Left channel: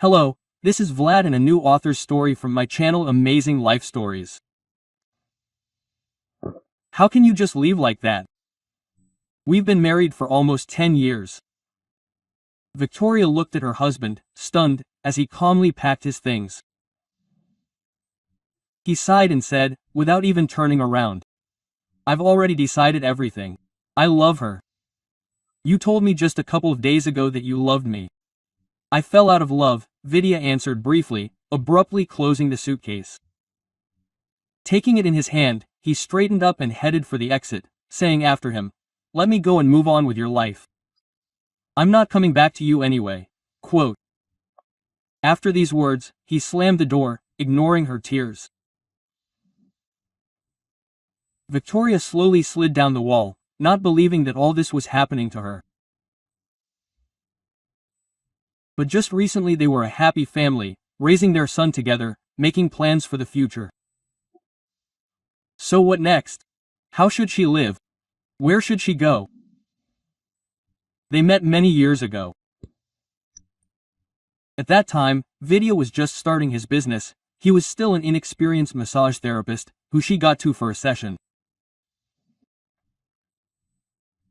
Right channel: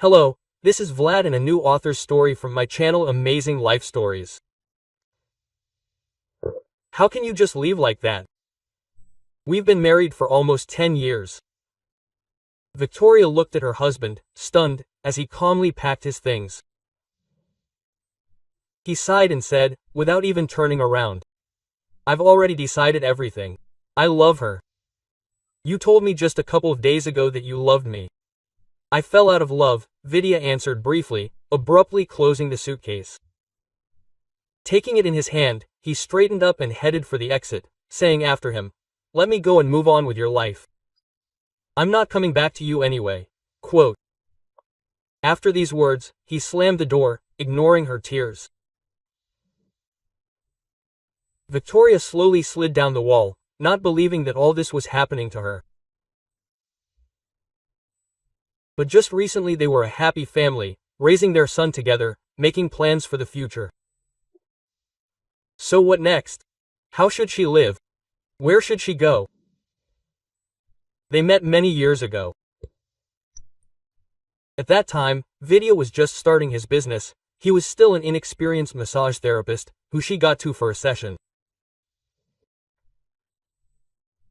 Hello, this is Vlad and a new author's story from my channel Amazing Life Stories. How can you just leave like that? We've been married for almost 10 years. Victoria looked at her husband, stunned, as he calmly packed his things. He sighed and said, without even turning around, "I've already decided everything. I love her. You told me just a couple of days ago that you loved me." "I fell out of love," Vidya answered briefly, abruptly closing the suitcase. Taking it in his hand, he straightened up and headed for the exit, saying after him, "Let me go and move on with your life. I'm not coming back to you anyway." Quote. After these words, he slammed the door, ignoring her tears. Victoria slowly slid down the wall, not believing that all this was happening to her. But just recently they were a happy family, raising their son together, making plans for the future. So what next? How should she live? Where should she go? They met many years ago. At that time, Vidya was just starting his business. He was still an inexperienced massage therapist, who she got to for a session.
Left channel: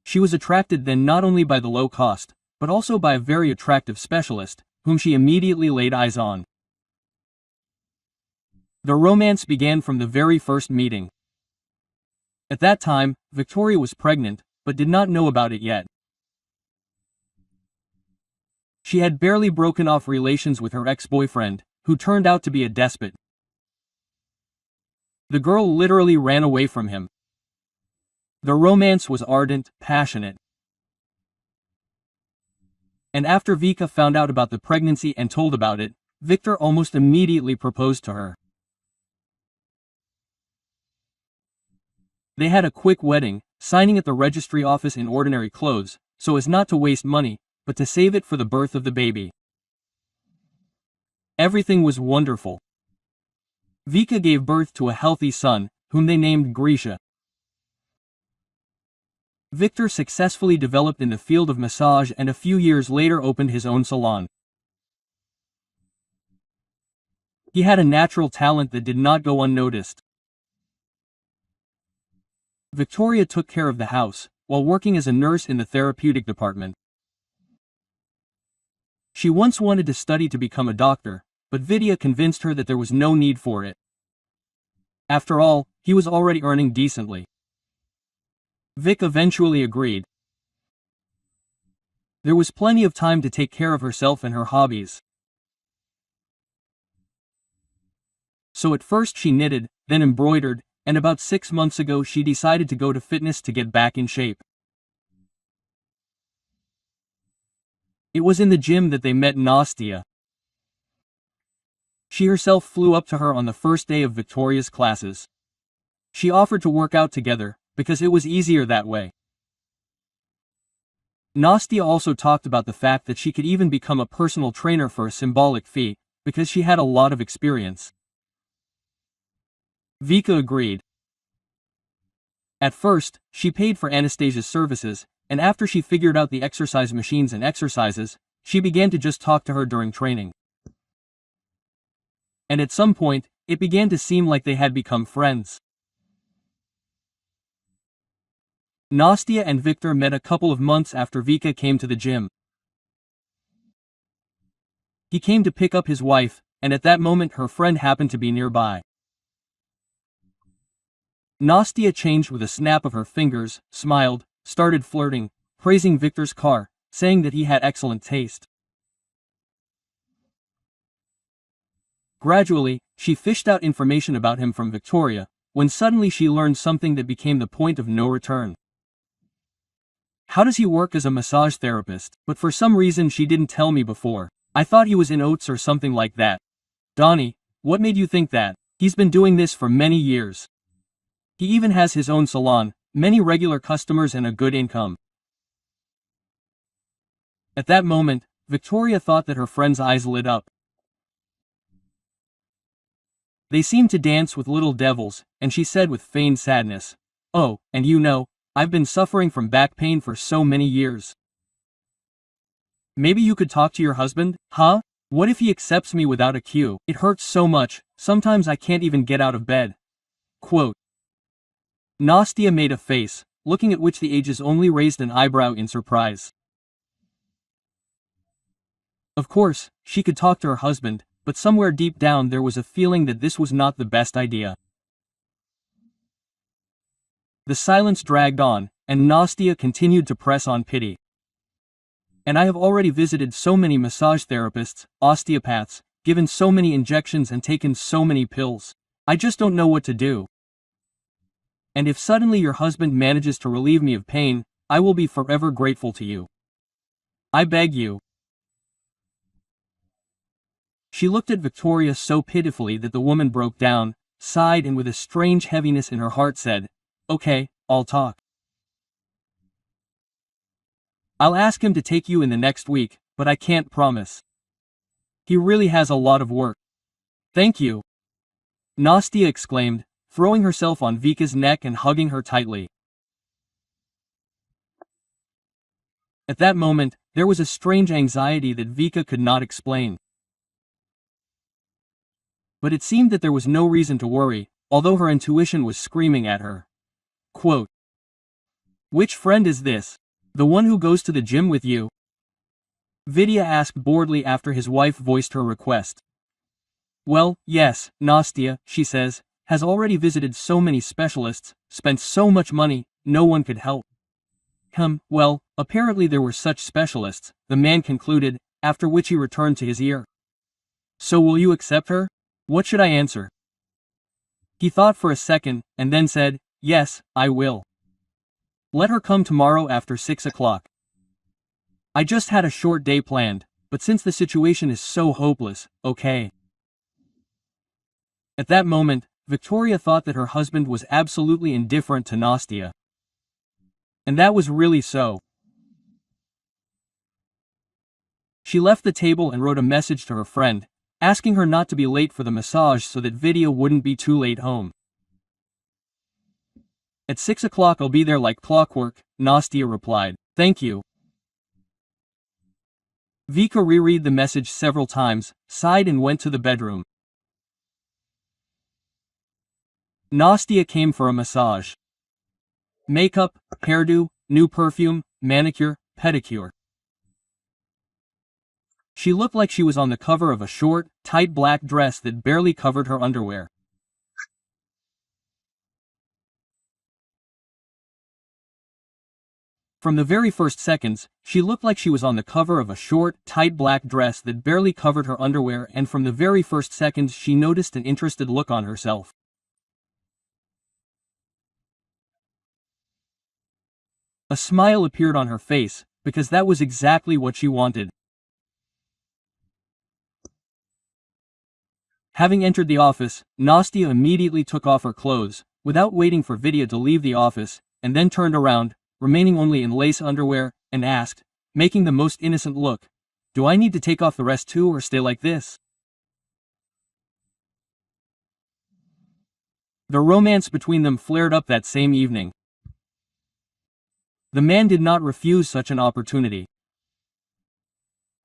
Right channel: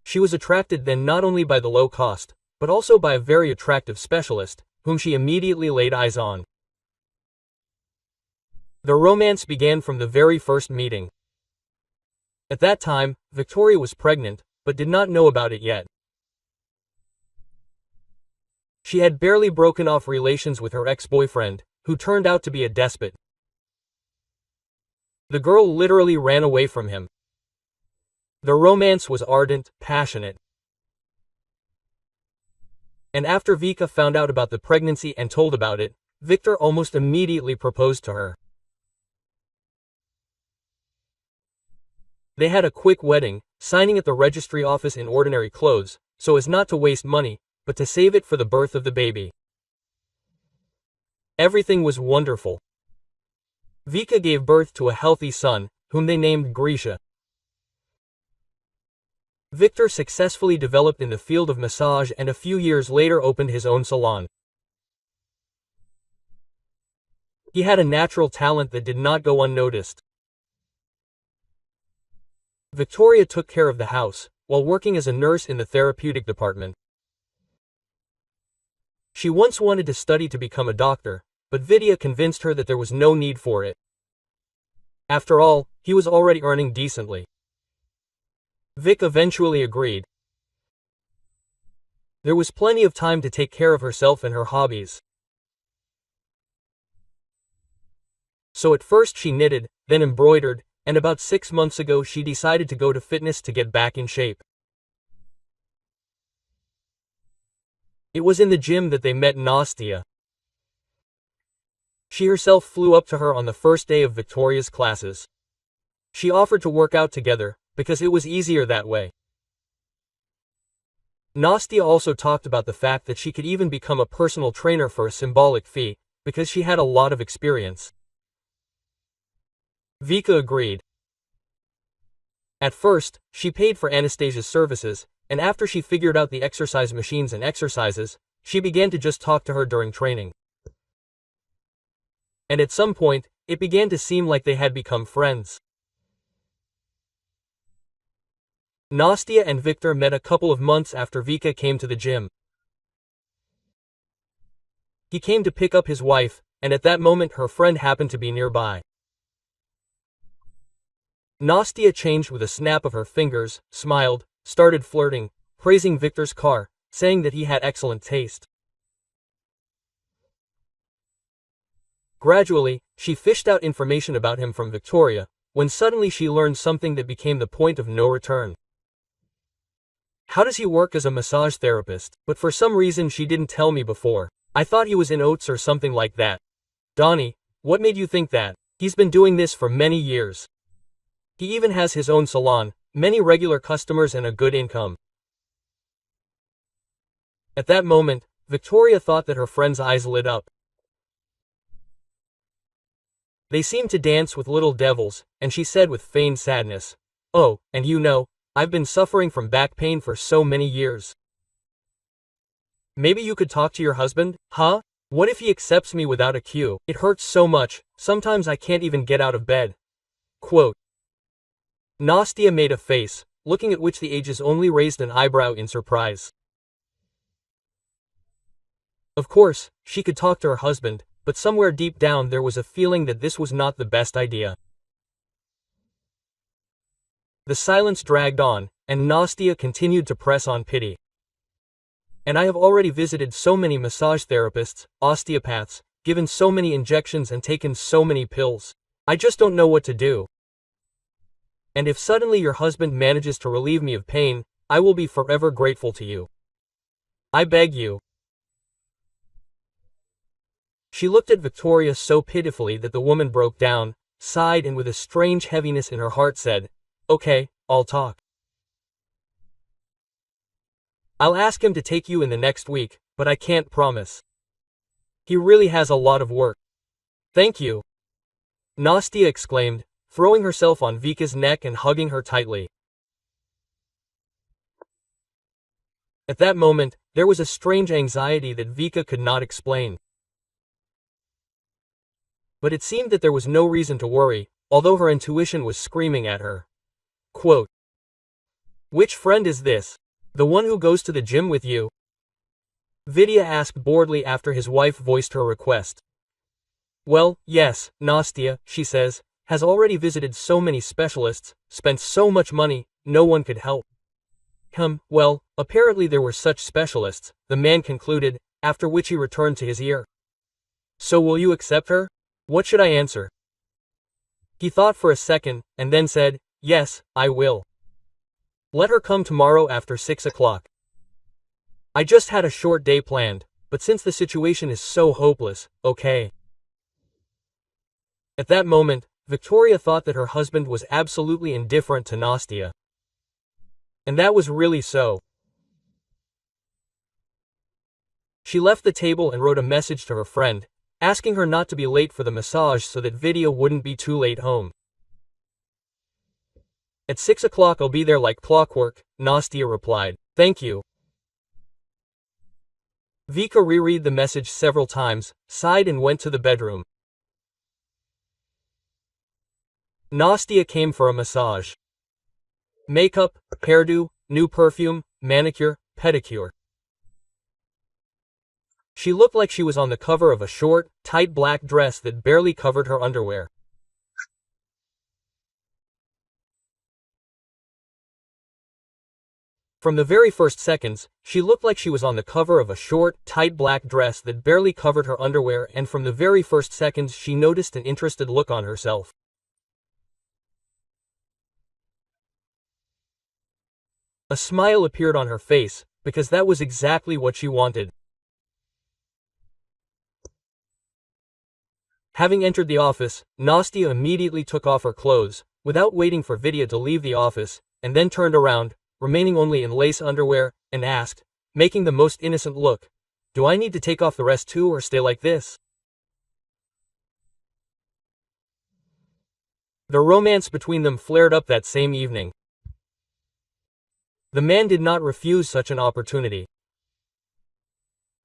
She was attracted then not only by the low cost, but also by a very attractive specialist, whom she immediately laid eyes on. The romance began from the very first meeting. At that time, Victoria was pregnant, but did not know about it yet. She had barely broken off relations with her ex-boyfriend, who turned out to be a despot. The girl literally ran away from him. The romance was ardent, passionate. And after Vika found out about the pregnancy and told about it, Victor almost immediately proposed to her. They had a quick wedding, signing at the registry office in ordinary clothes, so as not to waste money, but to save it for the birth of the baby. Everything was wonderful. Vika gave birth to a healthy son, whom they named Grisha. Victor successfully developed in the field of massage and a few years later opened his own salon. He had a natural talent that did not go unnoticed. Victoria took care of the house, while working as a nurse in the therapeutic department. She once wanted to study to become a doctor, but Vidya convinced her that there was no need for it. After all, he was already earning decently. Vic eventually agreed. There was plenty of time to take care of herself and her hobbies. So at first she knitted, then embroidered, and about 6 months ago she decided to go to fitness to get back in shape. It was in the gym that they met Nastia. She herself flew up to her on the first day of Victoria's classes. She offered to work out together, because it was easier that way. Nastia also talked about the fact that she could even become a personal trainer for a symbolic fee, because she had a lot of experience. Vika agreed. At first, she paid for Anastasia's services, and after she figured out the exercise machines and exercises, she began to just talk to her during training. And at some point, it began to seem like they had become friends. Nastia and Victor met a couple of months after Vika came to the gym. He came to pick up his wife, and at that moment her friend happened to be nearby. Nastia changed with a snap of her fingers, smiled, started flirting, praising Victor's car, saying that he had excellent taste. Gradually, she fished out information about him from Victoria, when suddenly she learned something that became the point of no return. How does he work as a massage therapist? But for some reason she didn't tell me before. I thought he was in oats or something like that. Donnie, what made you think that? He's been doing this for many years. He even has his own salon, many regular customers and a good income. At that moment, Victoria thought that her friend's eyes lit up. They seemed to dance with little devils, and she said with feigned sadness, "Oh, and you know, I've been suffering from back pain for so many years. Maybe you could talk to your husband, huh?" What if he accepts me without a cue? It hurts so much, sometimes I can't even get out of bed. Quote. Nastia made a face, looking at which the ages only raised an eyebrow in surprise. Of course, she could talk to her husband, but somewhere deep down there was a feeling that this was not the best idea. The silence dragged on, and Nastia continued to press on pity. And I have already visited so many massage therapists, osteopaths, given so many injections and taken so many pills. I just don't know what to do. And if suddenly your husband manages to relieve me of pain, I will be forever grateful to you. I beg you. She looked at Victoria so pitifully that the woman broke down, sighed and with a strange heaviness in her heart said, "Okay, I'll talk. I'll ask him to take you in the next week, but I can't promise. He really has a lot of work." "Thank you," Nastia exclaimed, throwing herself on Vika's neck and hugging her tightly. At that moment, there was a strange anxiety that Vika could not explain. But it seemed that there was no reason to worry, although her intuition was screaming at her. Quote. "Which friend is this? The one who goes to the gym with you?" Vidya asked boredly after his wife voiced her request. "Well, yes, Nastia, she says, has already visited so many specialists, spent so much money, no one could help." Well, apparently there were such specialists, the man concluded, after which he returned to his ear. "So will you accept her? What should I answer?" He thought for a second, and then said, "Yes, I will. Let her come tomorrow after 6 o'clock. I just had a short day planned, but since the situation is so hopeless, okay." At that moment, Victoria thought that her husband was absolutely indifferent to Nastia. And that was really so. She left the table and wrote a message to her friend, asking her not to be late for the massage so that Vidya wouldn't be too late home. "At 6 o'clock I'll be there like clockwork," Nastia replied. "Thank you." Vika reread the message several times, sighed and went to the bedroom. Nastia came for a massage. Makeup, hairdo, new perfume, manicure, pedicure. She looked like she was on the cover of a short, tight black dress that barely covered her underwear. From the very first seconds, she looked like she was on the cover of a short, tight black dress that barely covered her underwear, and from the very first seconds she noticed an interested look on herself. A smile appeared on her face, because that was exactly what she wanted. Having entered the office, Nastia immediately took off her clothes, without waiting for Vidya to leave the office, and then turned around, remaining only in lace underwear, and asked, making the most innocent look, "Do I need to take off the rest too or stay like this?" The romance between them flared up that same evening. The man did not refuse such an opportunity.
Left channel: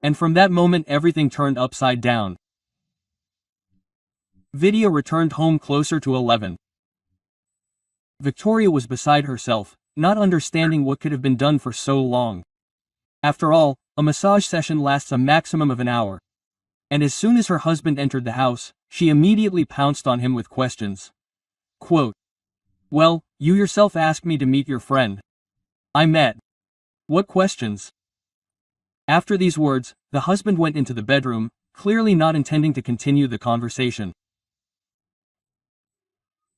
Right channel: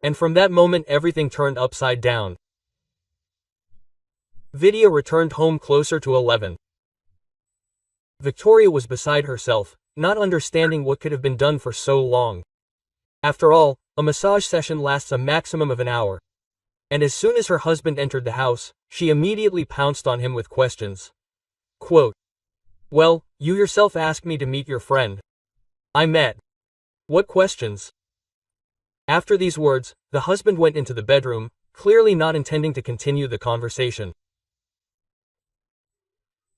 And from that moment everything turned upside down. Vidya returned home closer to 11. Victoria was beside herself, not understanding what could have been done for so long. After all, a massage session lasts a maximum of an hour. And as soon as her husband entered the house, she immediately pounced on him with questions. Quote. "Well, you yourself asked me to meet your friend. I met. What questions?" After these words, the husband went into the bedroom, clearly not intending to continue the conversation.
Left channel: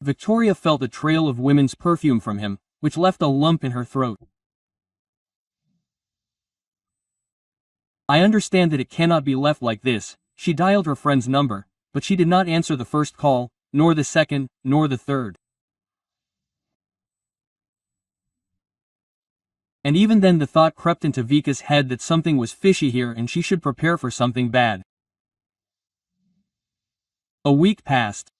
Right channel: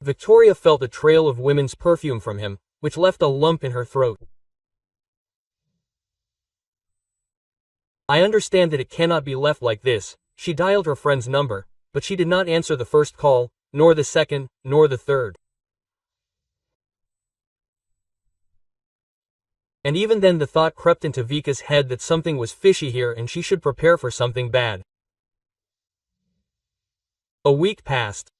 Victoria felt a trail of women's perfume from him, which left a lump in her throat. "I understand that it cannot be left like this." She dialed her friend's number, but she did not answer the first call, nor the second, nor the third. And even then the thought crept into Vika's head that something was fishy here and she should prepare for something bad. A week passed.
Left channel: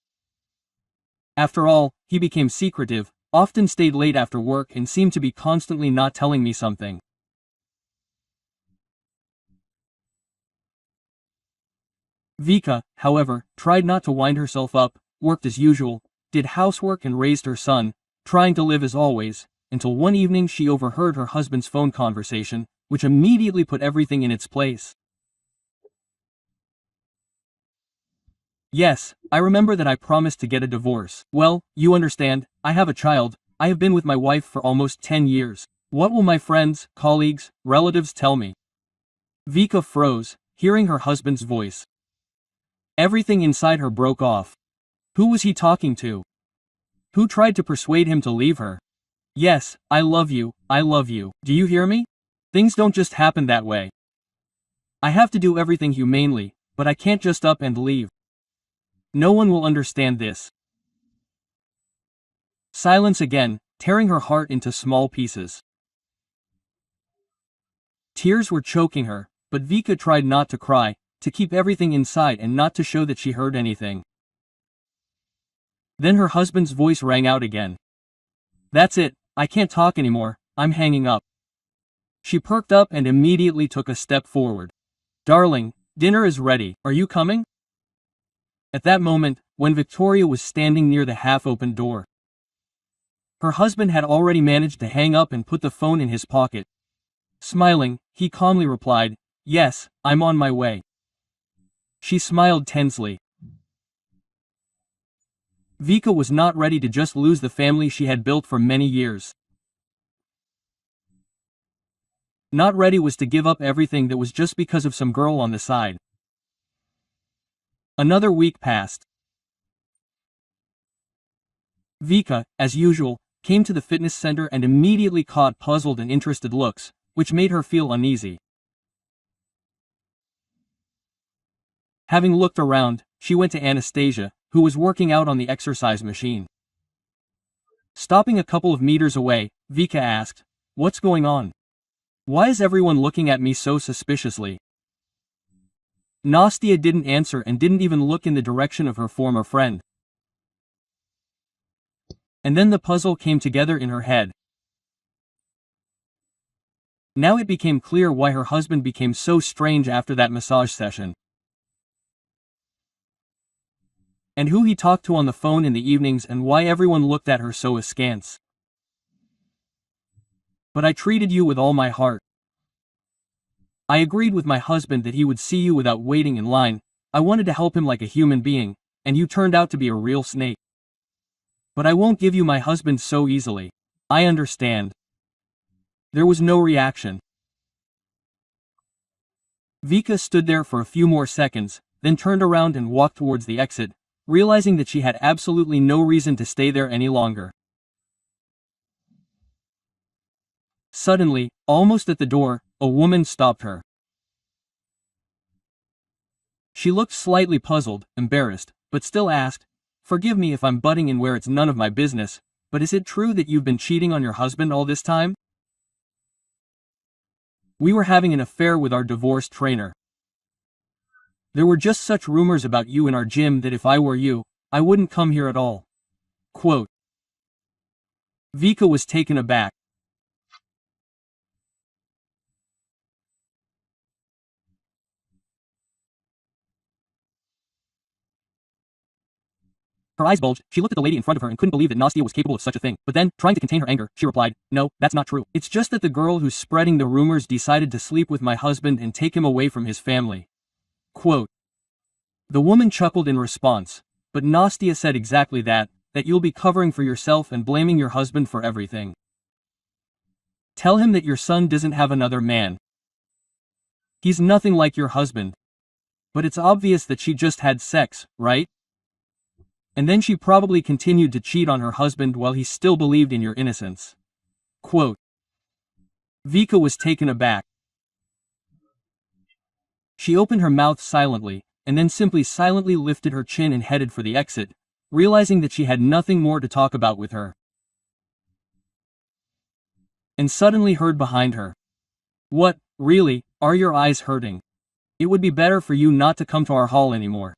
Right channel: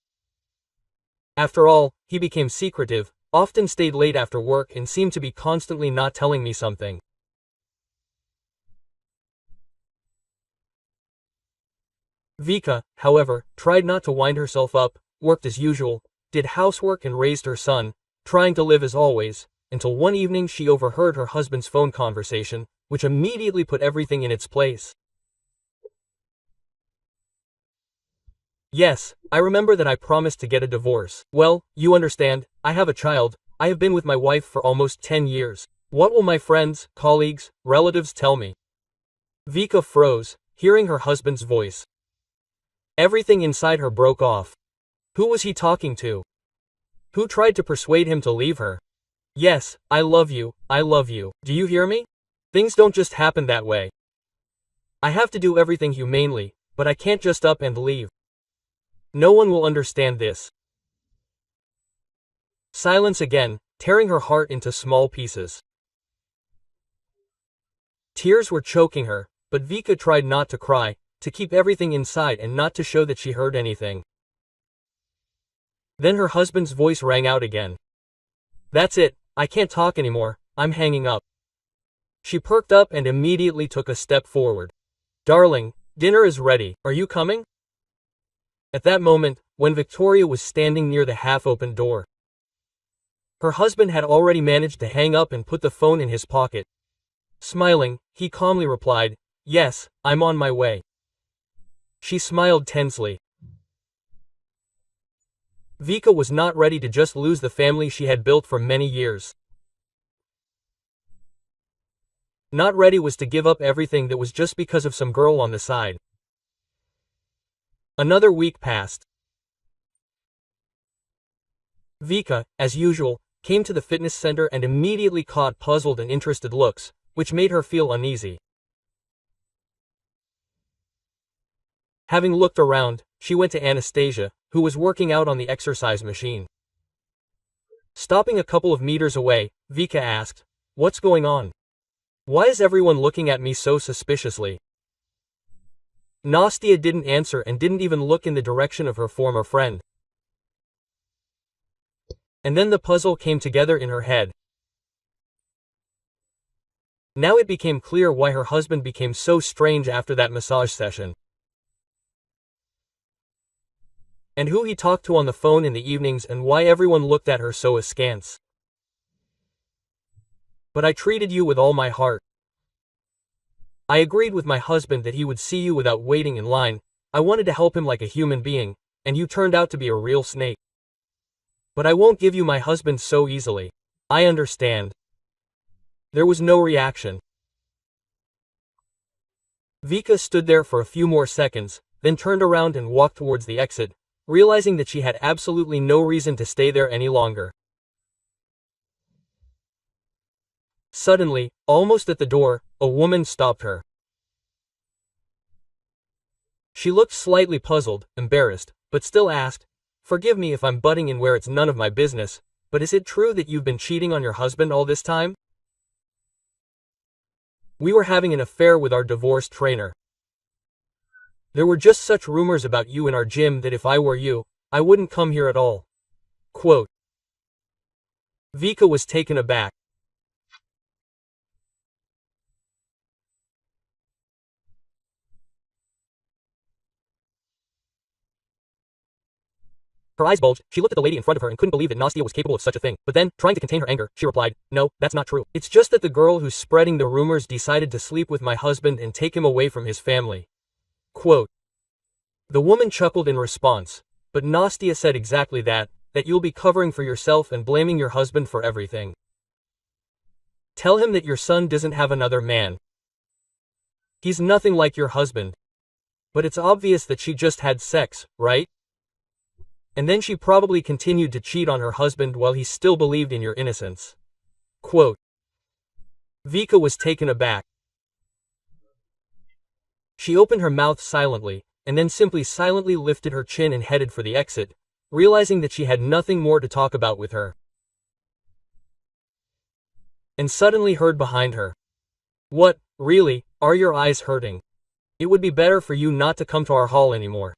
After all, he became secretive, often stayed late after work and seemed to be constantly not telling me something. Vika, however, tried not to wind herself up, worked as usual, did housework and raised her son, trying to live as always, until one evening she overheard her husband's phone conversation, which immediately put everything in its place. Yes, I remember that I promised to get a divorce. Well, you understand, I have a child, I have been with my wife for almost 10 years. What will my friends, colleagues, relatives tell me? Vika froze, hearing her husband's voice. Everything inside her broke off. Who was he talking to? Who tried to persuade him to leave her? Yes, I love you, I love you. Do you hear me? Things don't just happen that way. I have to do everything humanely, but I can't just up and leave. No one will understand this. Silence again, tearing her heart into small pieces. Tears were choking her, but Vika tried not to cry, to keep everything inside and not to show that she heard anything. Then her husband's voice rang out again. That's it, I can't talk anymore, I'm hanging up. She perked up and immediately took a step forward. Darling, dinner is ready, are you coming? At that moment, when Victoria was standing near the half-open door, her husband had already managed to hang up and put the phone in his pocket. Smiling, he calmly replied, "Yes, I'm on my way." She smiled tensely. Vika was not ready to just lose the family she had built for many years. Not ready was to give up everything that was just because of some girl on the side. Another week passed. Vika, as usual, came to the fitness center and immediately caught puzzled and interested looks, which made her feel uneasy. Having looked around, she went to Anastasia, who was working out on the exercise machine. Stopping a couple of meters away, Vika asked, "What's going on? Why is everyone looking at me so suspiciously?" Nastia didn't answer and didn't even look in the direction of her former friend. And then the puzzle came together in her head. Now it became clear why her husband became so strange after that massage session. And who he talked to on the phone in the evenings and why everyone looked at her so askance. But I treated you with all my heart. I agreed with my husband that he would see you without waiting in line. I wanted to help him like a human being, and you turned out to be a real snake. But I won't give you my husband so easily. I understand. There was no reaction. Vika stood there for a few more seconds, then turned around and walked towards the exit, realizing that she had absolutely no reason to stay there any longer. Suddenly, almost at the door, a woman stopped her. She looked slightly puzzled, embarrassed, but still asked, "Forgive me if I'm butting in where it's none of my business, but is it true that you've been cheating on your husband all this time?" "We were having an affair with our divorced trainer. There were just such rumors about you in our gym that if I were you, I wouldn't come here at all." Quote. Vika was taken aback. Her eyes bulged, she looked at the lady in front of her and couldn't believe that Nastia was capable of such a thing. But then, trying to contain her anger, she replied, "No, that's not true. It's just that the girl who's spreading the rumors decided to sleep with my husband and take him away from his family." Quote. The woman chuckled in response, but Nastia said exactly that you'll be covering for yourself and blaming your husband for everything. Tell him that your son doesn't have another man. He's nothing like your husband. But it's obvious that she just had sex, right? And then she probably continued to cheat on her husband while he still believed in your innocence. Quote. Vika was taken aback. She opened her mouth silently, and then simply silently lifted her chin and headed for the exit, realizing that she had nothing more to talk about with her. And suddenly heard behind her, "What, really, are your eyes hurting? It would be better for you not to come to our hall anymore."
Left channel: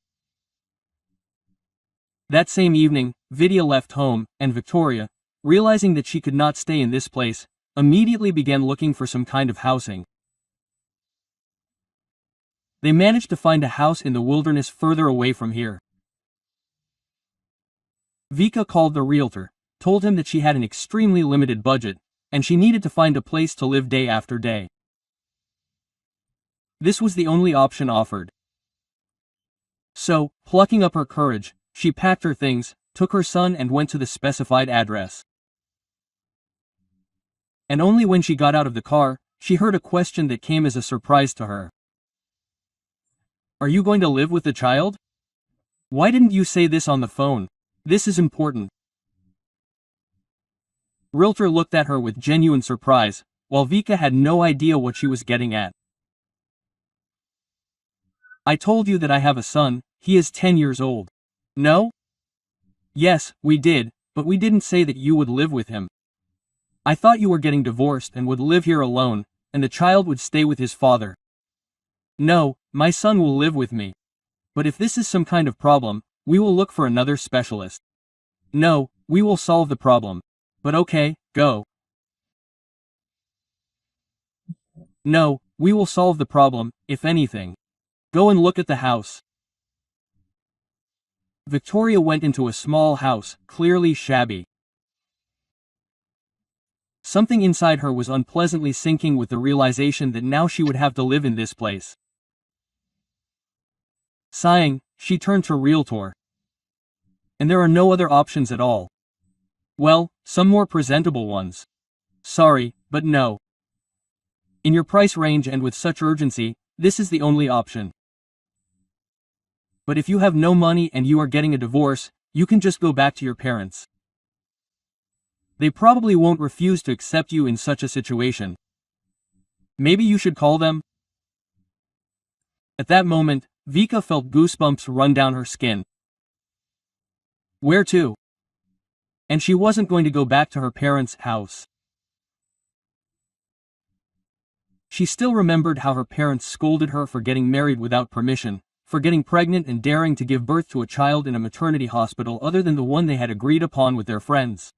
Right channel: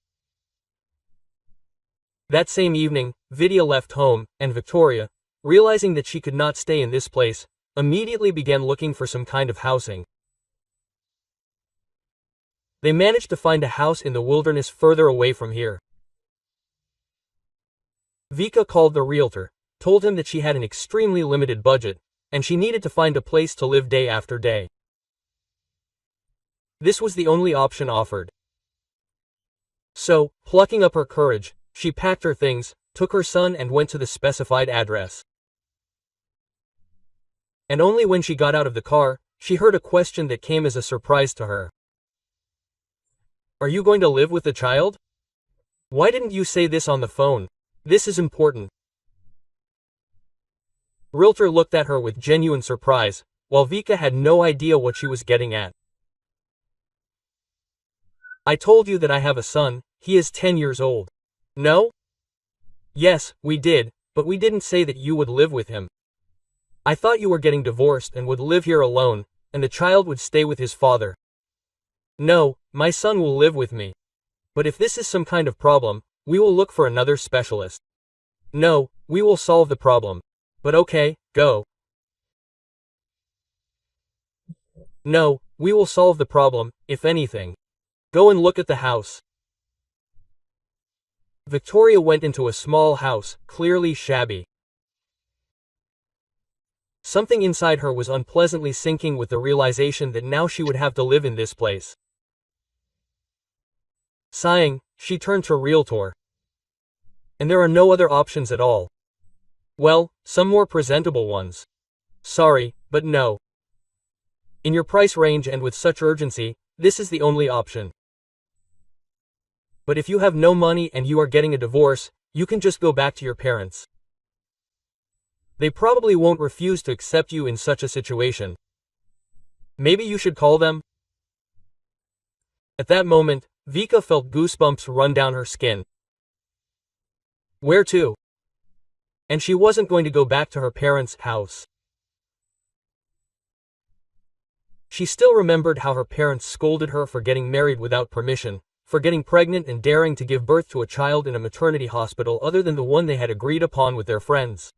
That same evening, Vidya left home, and Victoria, realizing that she could not stay in this place, immediately began looking for some kind of housing. They managed to find a house in the wilderness further away from here. Vika called the realtor, told him that she had an extremely limited budget, and she needed to find a place to live day after day. This was the only option offered. So, plucking up her courage, she packed her things, took her son and went to the specified address. And only when she got out of the car, she heard a question that came as a surprise to her. "Are you going to live with the child? Why didn't you say this on the phone? This is important." Realtor looked at her with genuine surprise, while Vika had no idea what she was getting at. "I told you that I have a son, he is 10 years old. No? Yes, we did, but we didn't say that you would live with him. I thought you were getting divorced and would live here alone, and the child would stay with his father. No, my son will live with me. But if this is some kind of problem, we will look for another specialist. No, we will solve the problem. But okay, go." "No, we will solve the problem, if anything. Go and look at the house." Victoria went into a small house, clearly shabby. Something inside her was unpleasantly sinking with the realization that now she would have to live in this place. Sighing, she turned to realtor. "And there are no other options at all?" "Well, some more presentable ones. Sorry, but no. In your price range and with such urgency, this is the only option. But if you have no money and you are getting a divorce, you can just go back to your parents. They probably won't refuse to accept you in such a situation. Maybe you should call them." At that moment, Vika felt goosebumps run down her skin. Where to? And she wasn't going to go back to her parents' house. She still remembered how her parents scolded her for getting married without permission, for getting pregnant and daring to give birth to a child in a maternity hospital other than the one they had agreed upon with their friends.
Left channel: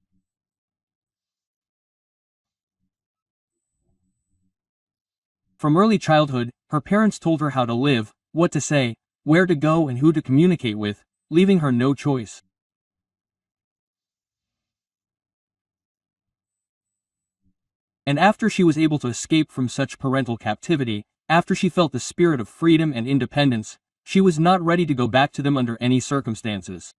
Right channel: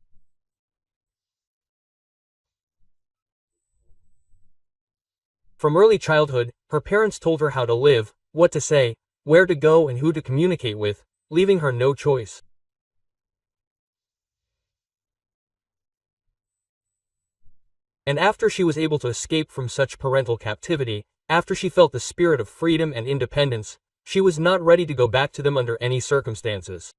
From early childhood, her parents told her how to live, what to say, where to go and who to communicate with, leaving her no choice. And after she was able to escape from such parental captivity, after she felt the spirit of freedom and independence, she was not ready to go back to them under any circumstances.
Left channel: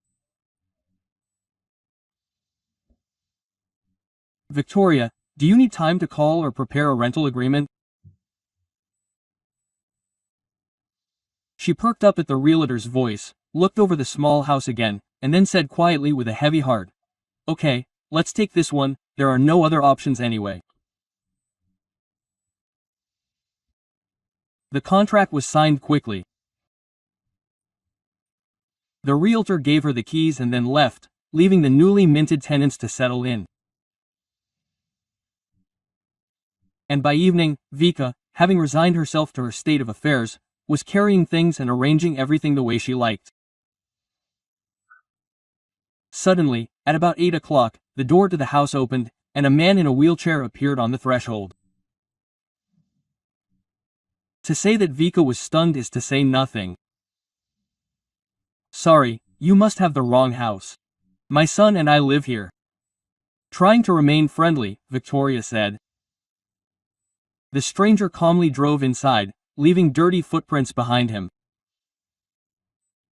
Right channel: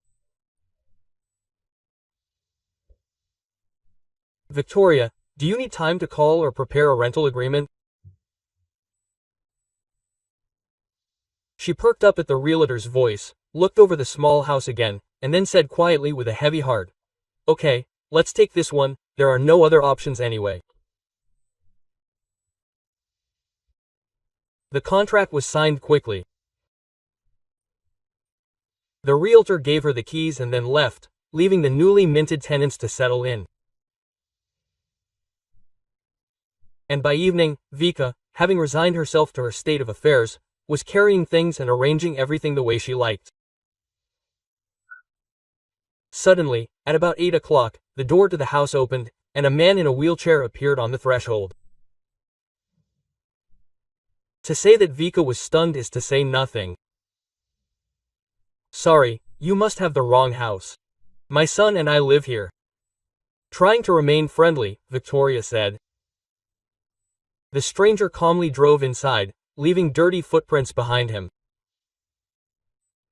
"Victoria, do you need time to call or prepare a rental agreement?" She perked up at the realtor's voice, looked over the small house again, and then said quietly with a heavy heart, "Okay, let's take this one, there are no other options anyway." The contract was signed quickly. The realtor gave her the keys and then left, leaving the newly minted tenants to settle in. And by evening, Vika, having resigned herself to her state of affairs, was carrying things and arranging everything the way she liked. Suddenly, at about 8 o'clock, the door to the house opened, and a man in a wheelchair appeared on the threshold. To say that Vika was stunned is to say nothing. "Sorry, you must have the wrong house. My son and I live here." Trying to remain friendly, Victoria said. The stranger calmly drove inside, leaving dirty footprints behind him.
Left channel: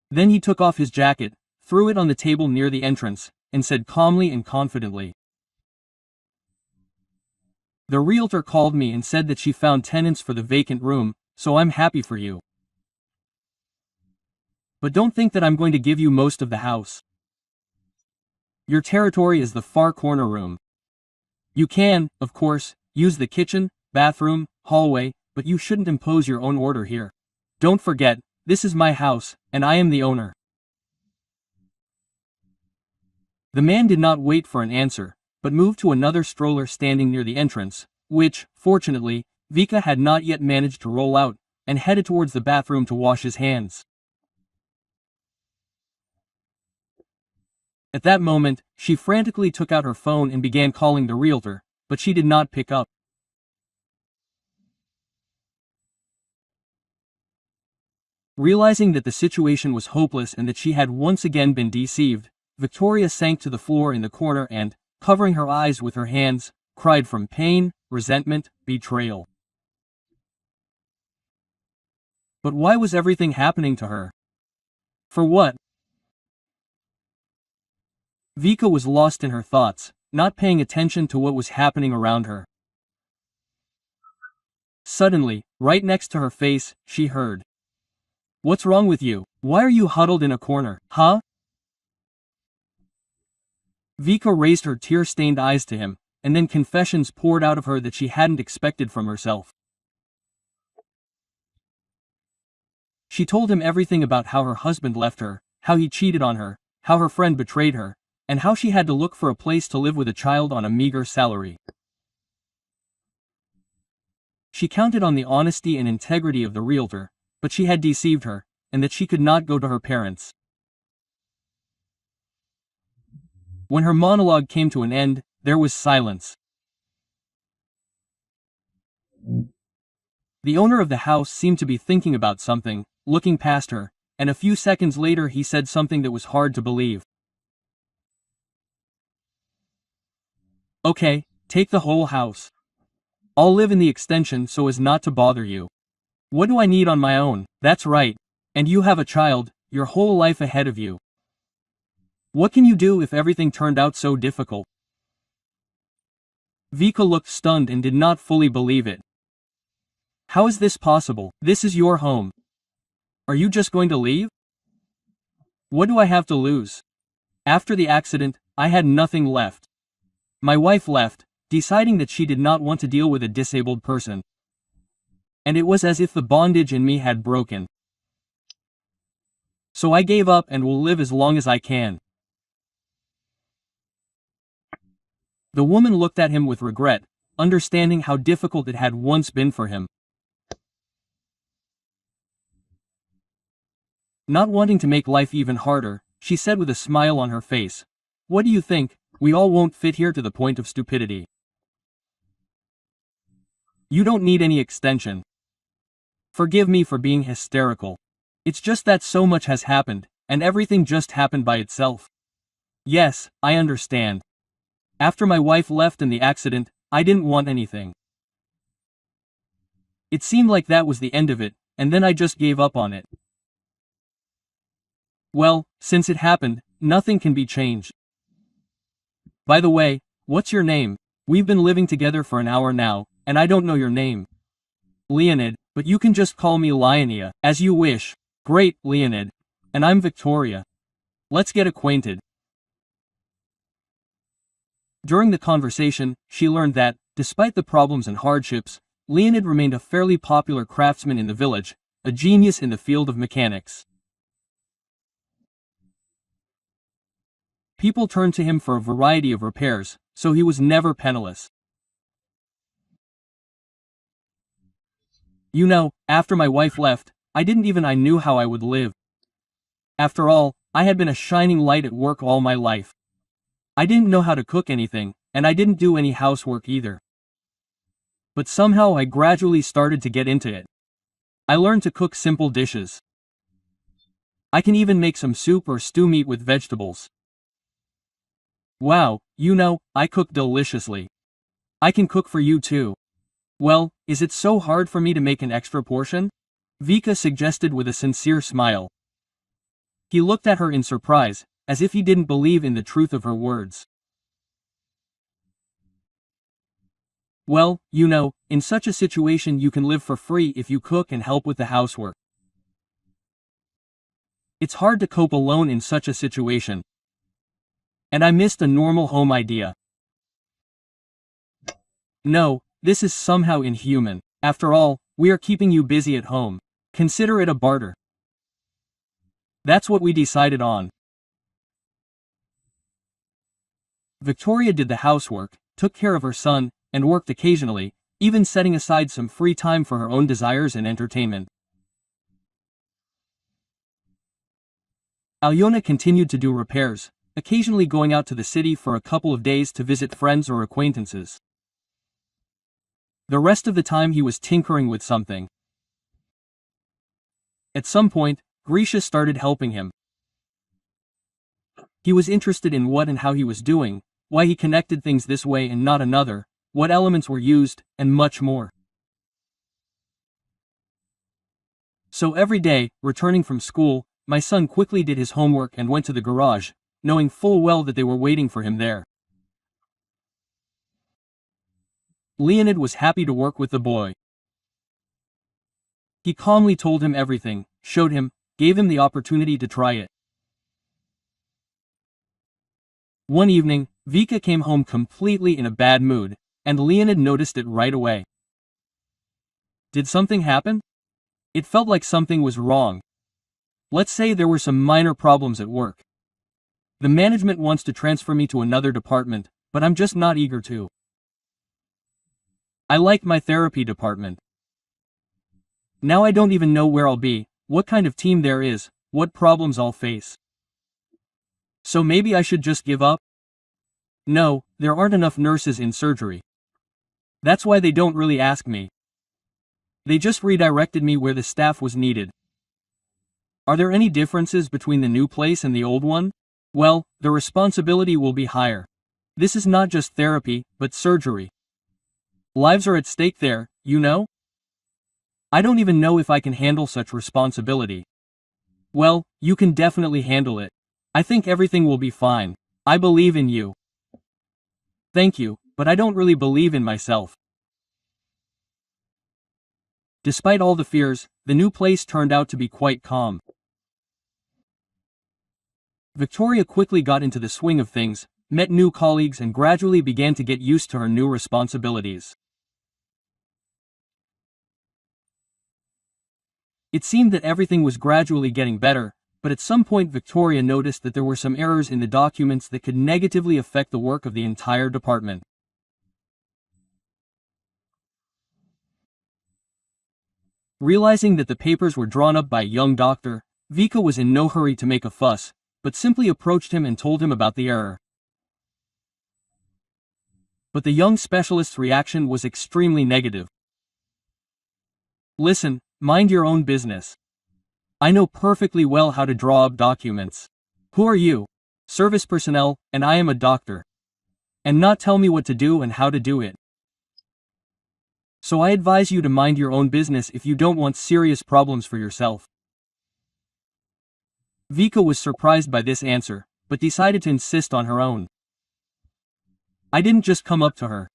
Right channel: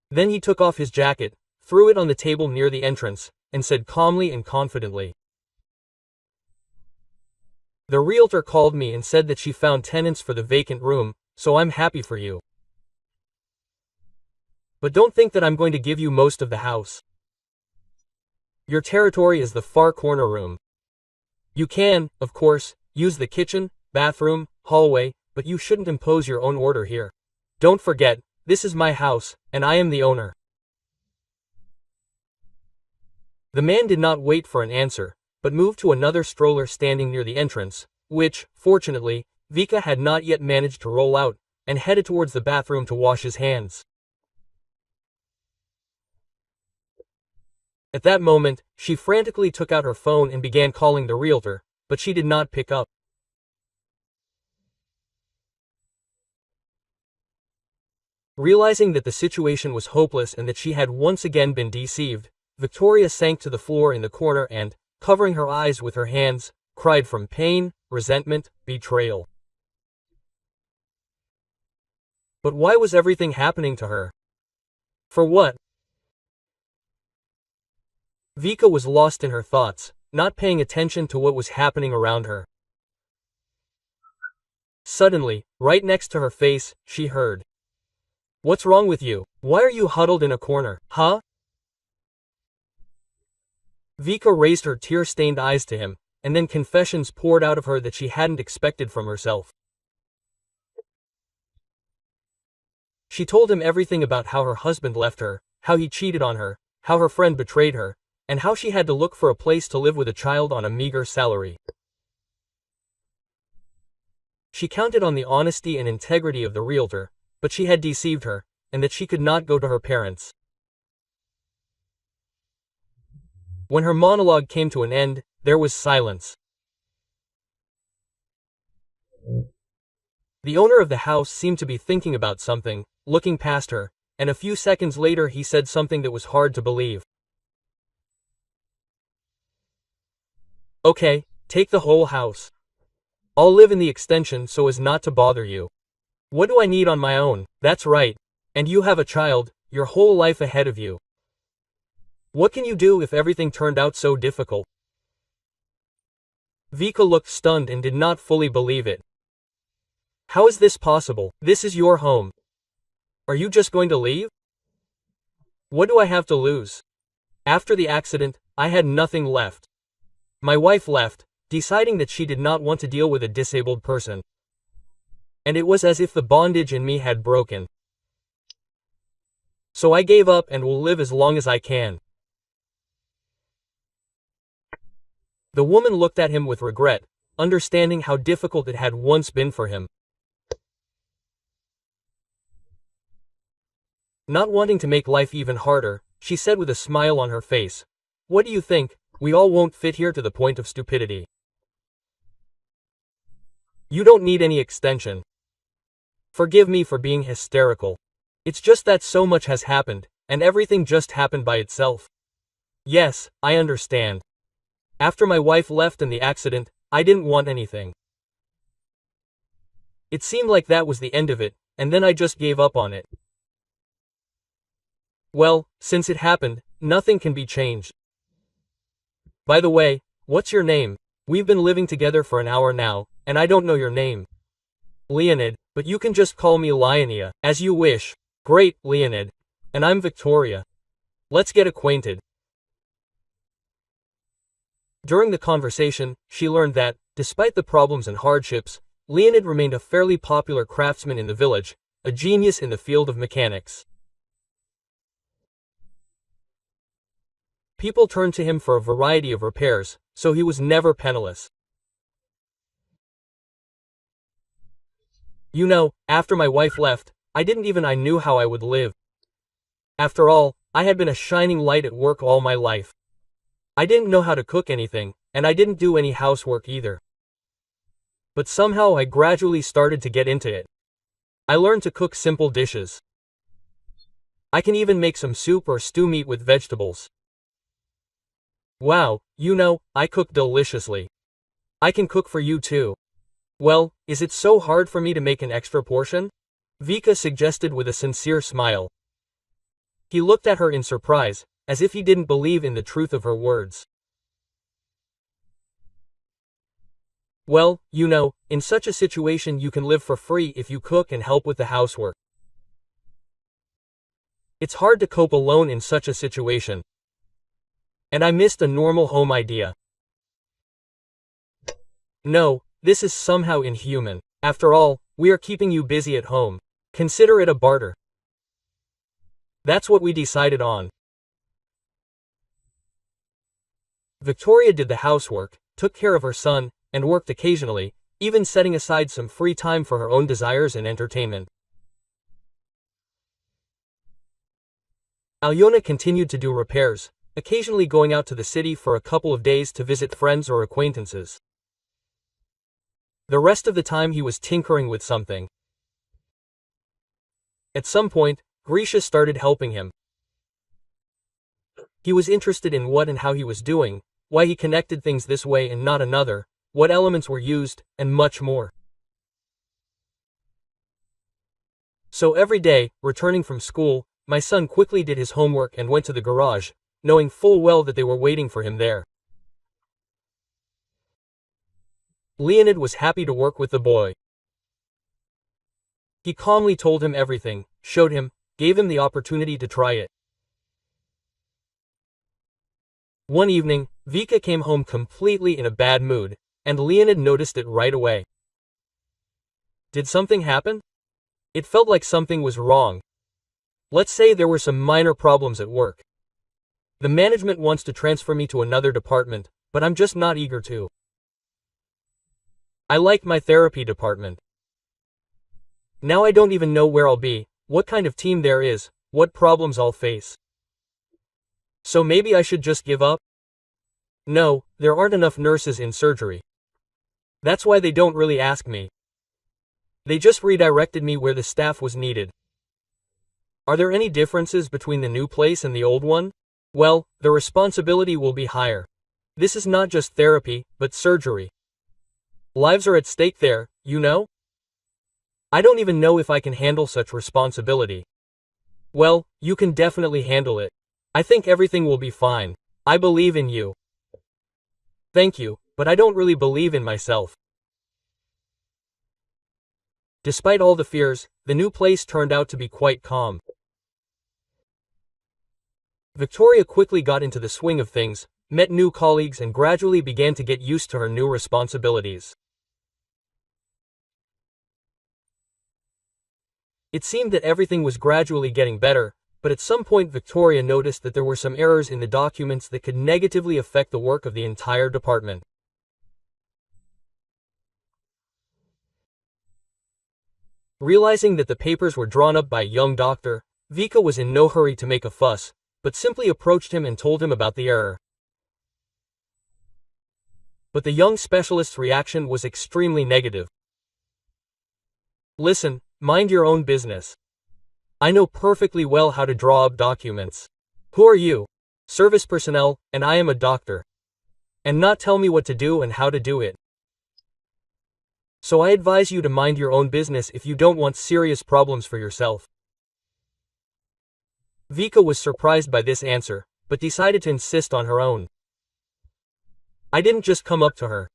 Then he took off his jacket, threw it on the table near the entrance, and said calmly and confidently, "The realtor called me and said that she found tenants for the vacant room, so I'm happy for you. But don't think that I'm going to give you most of the house. Your territory is the far corner room. You can, of course, use the kitchen, bathroom, hallway, but you shouldn't impose your own order here. Don't forget, this is my house, and I am the owner." The man did not wait for an answer, but moved to another stroller standing near the entrance, which, fortunately, Vika had not yet managed to roll out, and headed towards the bathroom to wash his hands. At that moment, she frantically took out her phone and began calling the realtor, but she did not pick up. Realizing that the situation was hopeless and that she had once again been deceived, Victoria sank to the floor in the corner and, covering her eyes with her hands, cried from pain, resentment, betrayal. But why was everything happening to her? For what? Vika was lost in her thoughts, not paying attention to what was happening around her. Suddenly, right next to her face, she heard. "What's wrong with you? Why are you huddled in a corner, huh?" Vika raised her tear-stained eyes to him, and then confessions poured out of her that she hadn't expected from herself. She told him everything about how her husband left her, how he cheated on her, how her friend betrayed her, and how she had to look for a place to live with a child on a meager salary. She counted on the honesty and integrity of the realtor, but she had deceived her, and that she could not go to her parents. When her monologue came to an end, there was silence. The owner of the house seemed to be thinking about something, looking past her, and a few seconds later he said something that was hard to believe. "Okay, take the whole house. I'll live in the extension so as not to bother you. What do I need on my own? That's right. And you have a child, your whole life ahead of you. What can you do if everything turned out so difficult?" Vika looked stunned and did not fully believe it. "How is this possible? This is your home. Are you just going to leave? What do I have to lose? After the accident, I had nothing left. My wife left, deciding that she did not want to deal with a disabled person. And it was as if the bondage in me had broken. So I gave up and will live as long as I can." The woman looked at him with regret, understanding how difficult it had once been for him. Not wanting to make life even harder, she said with a smile on her face, "What do you think? We all won't fit here to the point of stupidity. You don't need any extension. Forgive me for being hysterical. It's just that so much has happened, and everything just happened by itself. Yes, I understand. After my wife left and the accident, I didn't want anything. It seemed like that was the end of it, and then I just gave up on it. Well, since it happened, nothing can be changed. By the way, what's your name? We've been living together for an hour now, and I don't know your name." "Leonid, but you can just call me Lionia, as you wish." "Great, Leonid. And I'm Victoria. Let's get acquainted." During the conversation, she learned that, despite the problems and hardships, Leonid remained a fairly popular craftsman in the village, a genius in the field of mechanics. People turned to him for a variety of repairs, so he was never penniless. "You know, after my wife left, I knew how I would live. After all, I had been a shining light at work all my life. I didn't know how to cook anything, and I didn't do any housework either. But somehow I gradually started to get into it. I learned to cook simple dishes. I can even make some soup or stew meat with vegetables. Wow, I cook deliciously. I can cook for you too. Well, is it so hard for me to make an extra portion?" Vika suggested with a sincere smile. He looked at her in surprise, as if he didn't believe in the truth of her words. "Well, in such a situation you can live for free if you cook and help with the housework. It's hard to cope alone in such a situation. And I missed a normal home idea. No, this is somehow inhuman. After all, we are keeping you busy at home. Consider it a barter." That's what we decided on. Victoria did the housework, took care of her son, and worked occasionally, even setting aside some free time for her own desires and entertainment. Alyona continued to do repairs, occasionally going out to the city for a couple of days to visit friends or acquaintances. The rest of the time he was tinkering with something. At some point, Grisha started helping him. He was interested in what and how he was doing, why he connected things this way and not another, what elements were used, and much more. So every day, returning from school, my son quickly did his homework and went to the garage, knowing full well that they were waiting for him there. Leonid was happy to work with the boy. He calmly told him everything, showed him, gave him the opportunity to try it. One evening, Vika came home completely in a bad mood, and Leonid noticed it right away. Did something happen? It felt like something was wrong. Let's say there were some minor problems at work. The management wants to transfer me to another department, but I'm just not eager to. I like my therapy department. Now I don't even know where I'll be, what kind of team there is, what problems I'll face. So maybe I should just give up? No, there aren't enough nurses in surgery. That's why they don't really ask me. They just redirected me where the staff was needed. Are there any differences between the new place and the old one? Well, the responsibility will be higher. This is not just therapy, but surgery. Lives are at stake there, you know? I don't even know if I can handle such responsibility. Well, you can definitely handle it. I think everything will be fine. I believe in you. Thank you, but I don't really believe in myself. Despite all the fears, the new place turned out to be quite calm. Victoria quickly got into the swing of things, met new colleagues and gradually began to get used to her new responsibilities. It seemed that everything was gradually getting better, but at some point Victoria noticed that there were some errors in the documents that could negatively affect the work of the entire department. Realizing that the papers were drawn up by a young doctor, Vika was in no hurry to make a fuss, but simply approached him and told him about the error. But the young specialist's reaction was extremely negative. Listen, mind your own business. I know perfectly well how to draw up documents. Who are you? Service personnel, and I am a doctor. And not tell me what to do and how to do it. So I advise you to mind your own business if you don't want serious problems for yourself. Vika was surprised by this answer, but decided to insist on her own. I didn't just come up to her.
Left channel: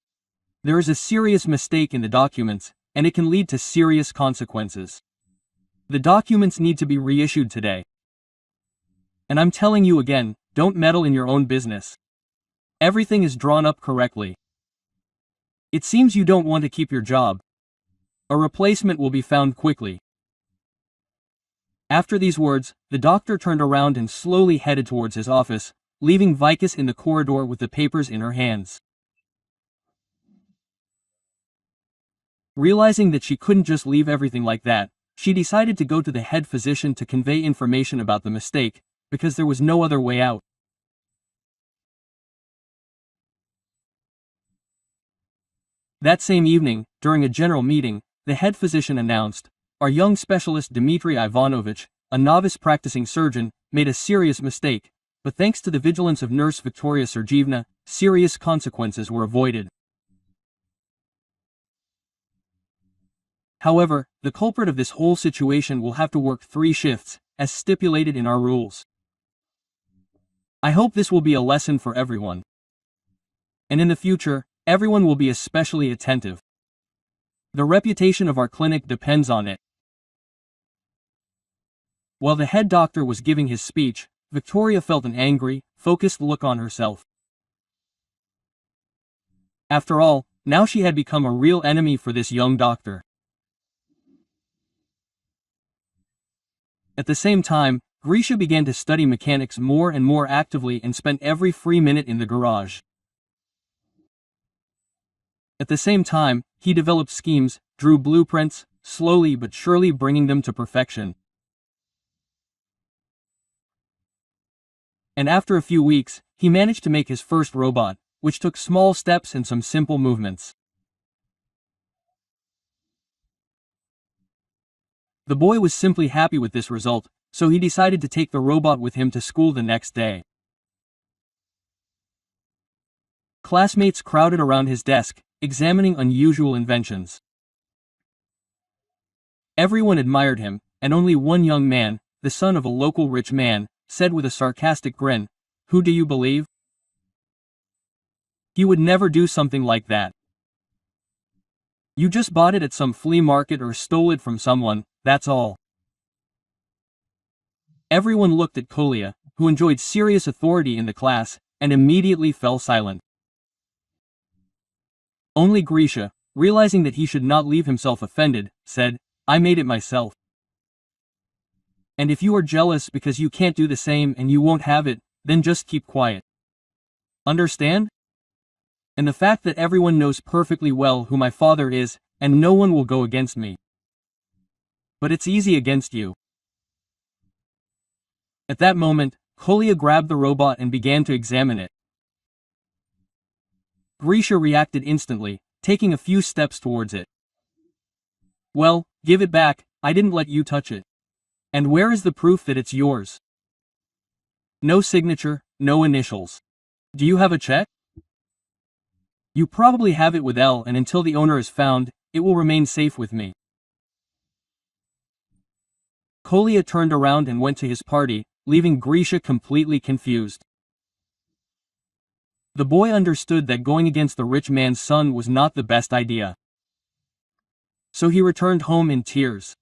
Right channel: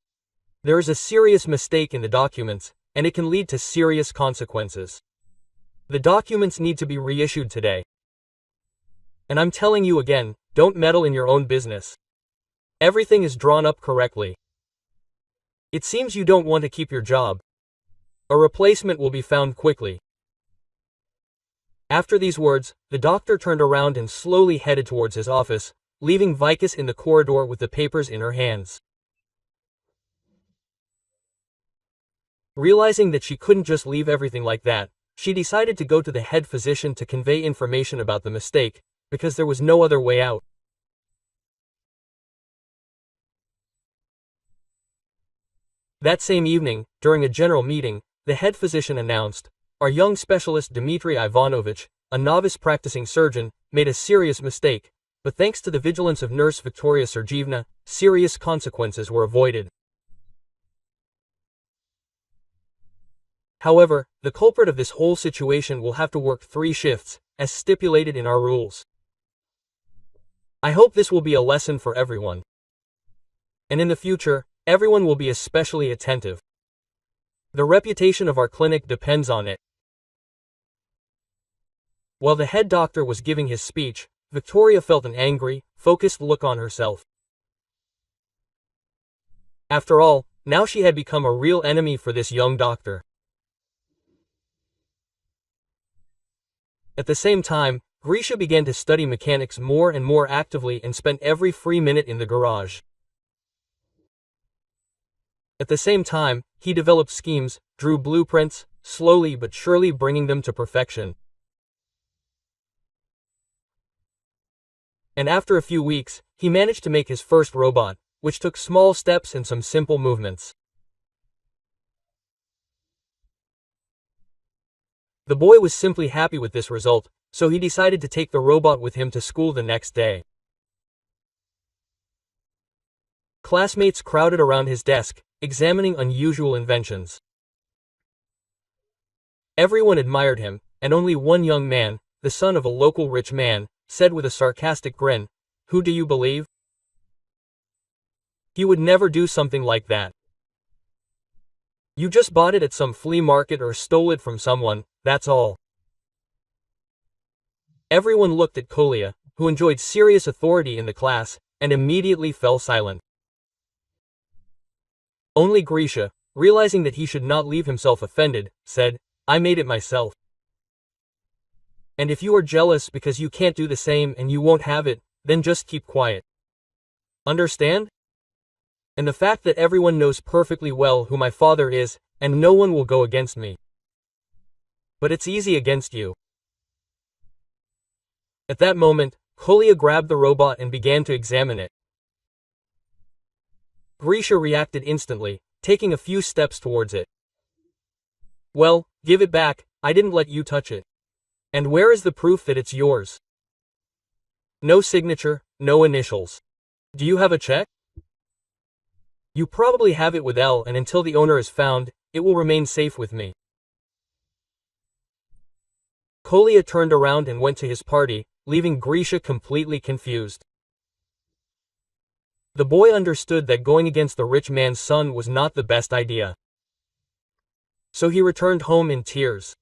There is a serious mistake in the documents, and it can lead to serious consequences. The documents need to be reissued today. And I'm telling you again, don't meddle in your own business. Everything is drawn up correctly. It seems you don't want to keep your job. A replacement will be found quickly. After these words, the doctor turned around and slowly headed towards his office, leaving Vikas in the corridor with the papers in her hands. Realizing that she couldn't just leave everything like that, she decided to go to the head physician to convey information about the mistake, because there was no other way out. That same evening, during a general meeting, the head physician announced, "Our young specialist Dmitry Ivanovich, a novice practicing surgeon, made a serious mistake, but thanks to the vigilance of nurse Victoria Sergeevna, serious consequences were avoided. However, the culprit of this whole situation will have to work 3 shifts, as stipulated in our rules. I hope this will be a lesson for everyone. And in the future, everyone will be especially attentive. The reputation of our clinic depends on it." While the head doctor was giving his speech, Victoria felt an angry, focused look on herself. After all, now she had become a real enemy for this young doctor. At the same time, Grisha began to study mechanics more and more actively and spent every free minute in the garage. At the same time, he developed schemes, drew blueprints, slowly but surely bringing them to perfection. And after a few weeks, he managed to make his first robot, which took small steps and some simple movements. The boy was simply happy with this result, so he decided to take the robot with him to school the next day. Classmates crowded around his desk, examining unusual inventions. Everyone admired him, and only one young man, the son of a local rich man, said with a sarcastic grin, "Who do you believe? He would never do something like that. You just bought it at some flea market or stole it from someone, that's all." Everyone looked at Kolia, who enjoyed serious authority in the class, and immediately fell silent. Only Grisha, realizing that he should not leave himself offended, said, "I made it myself. And if you are jealous because you can't do the same and you won't have it, then just keep quiet. Understand? And the fact that everyone knows perfectly well who my father is, and no one will go against me. But it's easy against you." At that moment, Kolia grabbed the robot and began to examine it. Grisha reacted instantly, taking a few steps towards it. "Well, give it back, I didn't let you touch it. And where is the proof that it's yours? No signature, no initials. Do you have a check? You probably have it with L, and until the owner is found, it will remain safe with me." Kolia turned around and went to his party, leaving Grisha completely confused. The boy understood that going against the rich man's son was not the best idea. So he returned home in tears.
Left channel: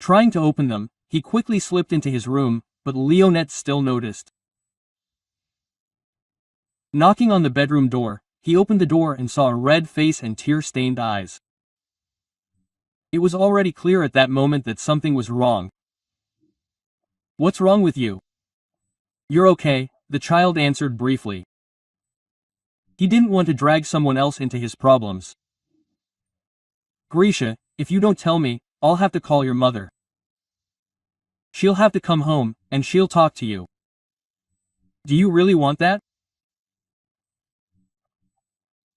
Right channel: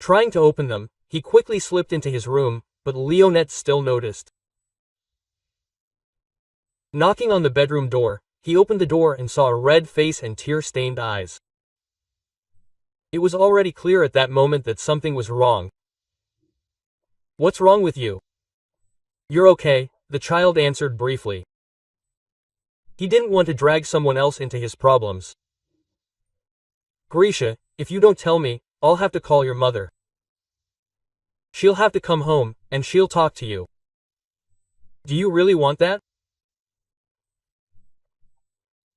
Trying to open them, he quickly slipped into his room, but Leonette still noticed. Knocking on the bedroom door, he opened the door and saw a red face and tear-stained eyes. It was already clear at that moment that something was wrong. "What's wrong with you?" "You're okay," the child answered briefly. He didn't want to drag someone else into his problems. "Grisha, if you don't tell me, I'll have to call your mother. She'll have to come home, and she'll talk to you. Do you really want that?"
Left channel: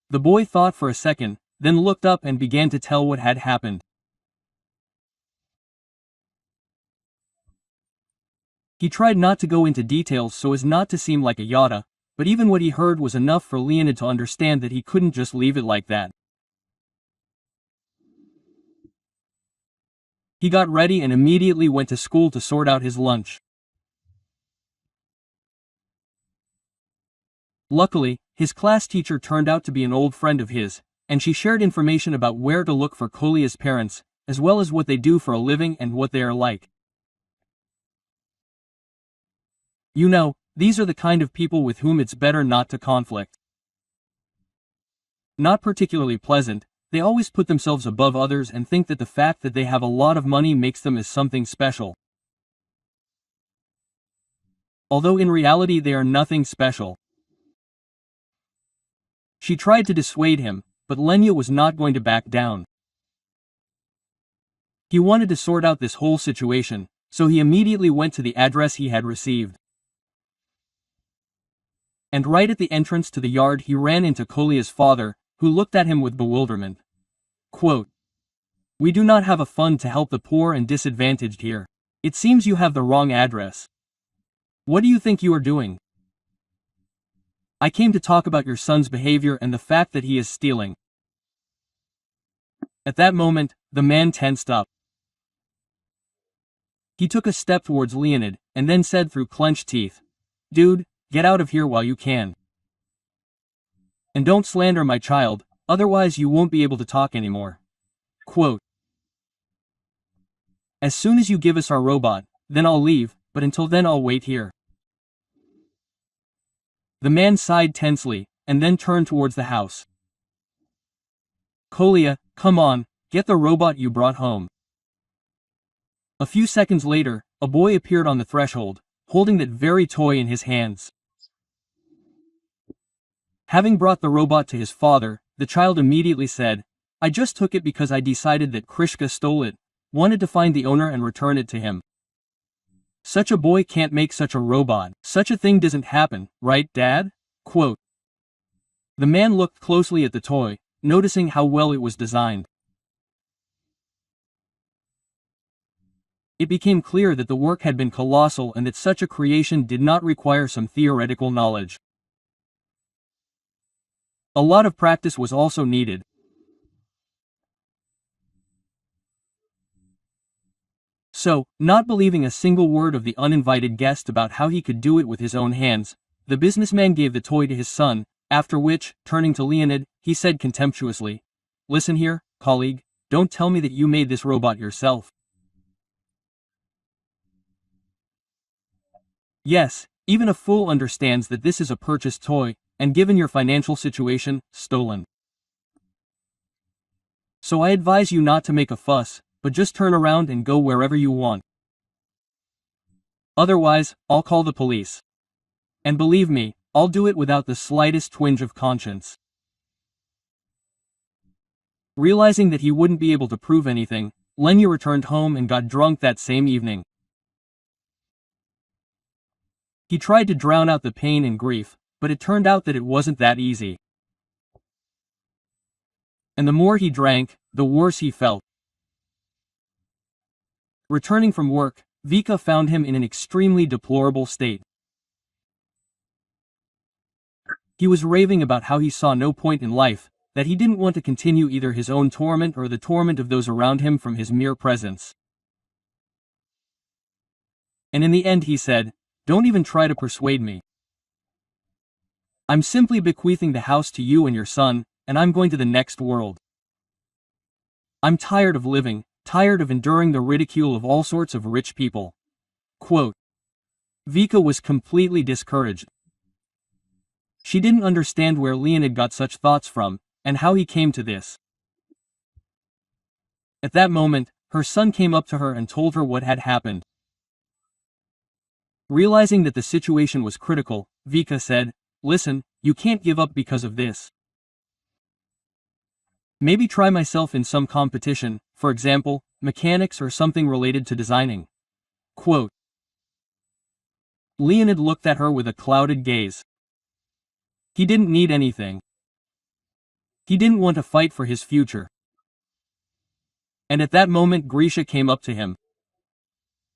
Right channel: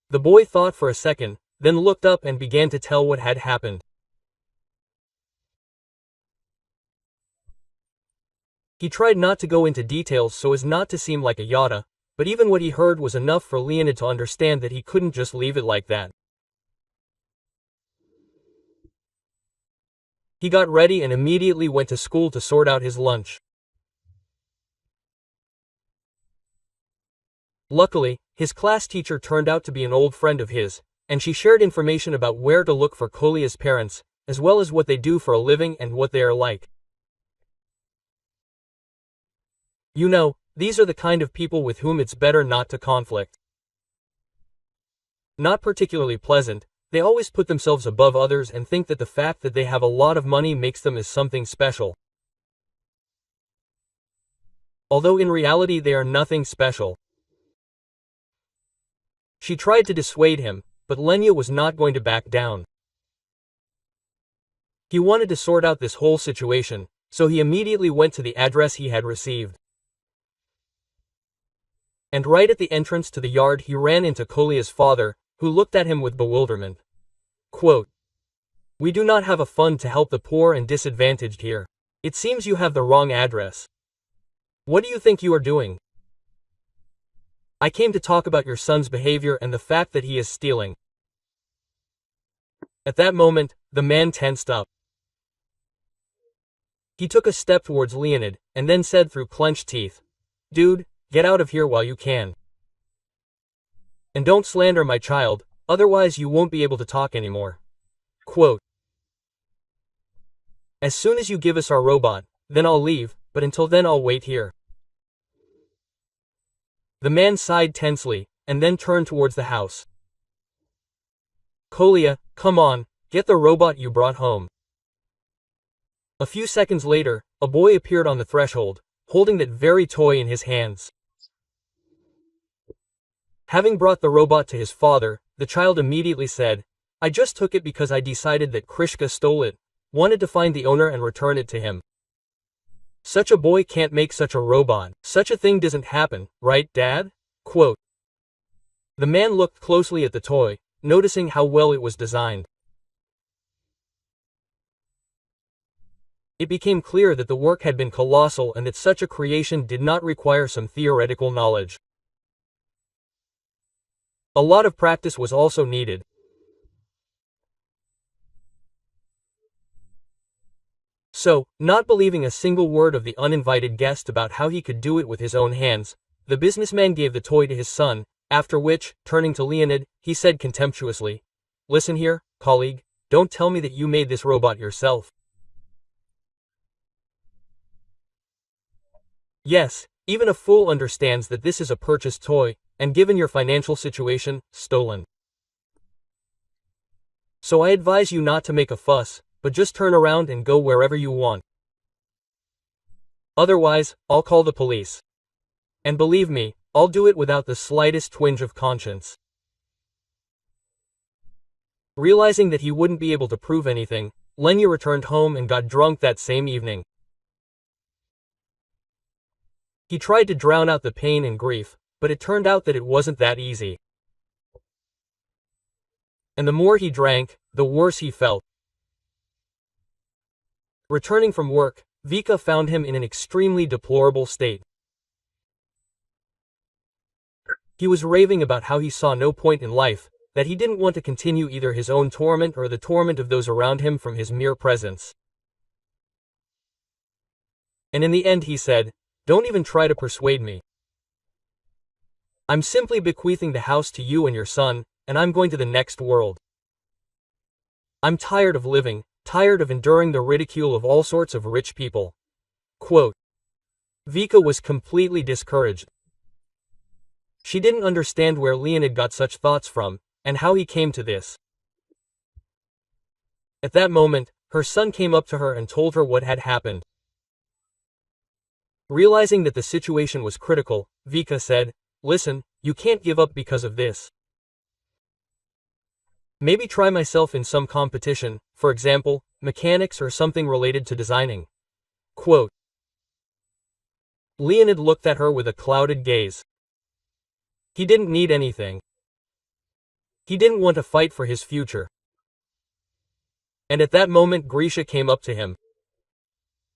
The boy thought for a second, then looked up and began to tell what had happened. He tried not to go into details so as not to seem like a yada, but even what he heard was enough for Leonid to understand that he couldn't just leave it like that. He got ready and immediately went to school to sort out his lunch. Luckily, his class teacher turned out to be an old friend of his, and she shared information about where to look for Kolia's parents, as well as what they do for a living and what they are like. You know, these are the kind of people with whom it's better not to conflict. Not particularly pleasant, they always put themselves above others and think that the fact that they have a lot of money makes them as something special. Although in reality they are nothing special. She tried to dissuade him, but Lenya was not going to back down. He wanted to sort out this whole situation, so he immediately went to the address he had received. And right at the entrance to the yard he ran into Kolia's father, who looked at him with bewilderment. Quote, "We do not have a fund to help the poor and disadvantaged here. It seems you have the wrong address. What do you think you are doing? I came to talk about your son's behavior and the fact that he is stealing." At that moment, the man tensed up. He took a step towards Leonid, and then said through clenched teeth, "Dude, get out of here while you can. And don't slander my child, otherwise you won't be able to talk anymore." Quote, "As soon as you give us our robot, then I'll leave, but until then I'll wait here." The man sighed tensely, and then turned towards the house. "Kolia, come on, get the robot you brought home." A few seconds later, a boy appeared on the threshold, holding that very toy in his hands. Having brought the robot to his father, the child immediately said, "I just took it because I decided that Krishka stole it, wanted to find the owner and return it to him. Such a boy can't make such a robot. Such a thing doesn't happen, right, Dad?" Quote. The man looked closely at the toy, noticing how well it was designed. It became clear that the work had been colossal and that such a creation did not require some theoretical knowledge. A lot of practice was also needed. So, not believing a single word of the uninvited guest about how he could do it with his own hands, the businessman gave the toy to his son, after which, turning to Leonid, he said contemptuously, "Listen here, colleague, don't tell me that you made this robot yourself." Yes, even a fool understands that this is a purchased toy, and given your financial situation, stolen. So I advise you not to make a fuss, but just turn around and go wherever you want. Otherwise, I'll call the police. And believe me, I'll do it without the slightest twinge of conscience. Realizing that he wouldn't be able to prove anything, Lenya returned home and got drunk that same evening. He tried to drown out the pain and grief, but it turned out that it wasn't that easy. And the more he drank, the worse he felt. Returning from work, Vika found him in an extremely deplorable state. He was raving about how he saw no point in life, that he didn't want to continue either his own torment or the torment of those around him from his mere presence. And in the end he said, "Don't even try to persuade me. I'm simply bequeathing the house to you and your son, and I'm going to the next world. I'm tired of living, tired of enduring the ridicule of all sorts of rich people." Quote. Vika was completely discouraged. She didn't understand where Leonid got such thoughts from, and how he came to this. At that moment, her son came up to her and told her what had happened. Realizing that the situation was critical, Vika said, "Listen, you can't give up because of this. Maybe try myself in some competition, for example, mechanics or something related to designing." Quote. Leonid looked at her with a clouded gaze. He didn't need anything. He didn't want to fight for his future. And at that moment Grisha came up to him.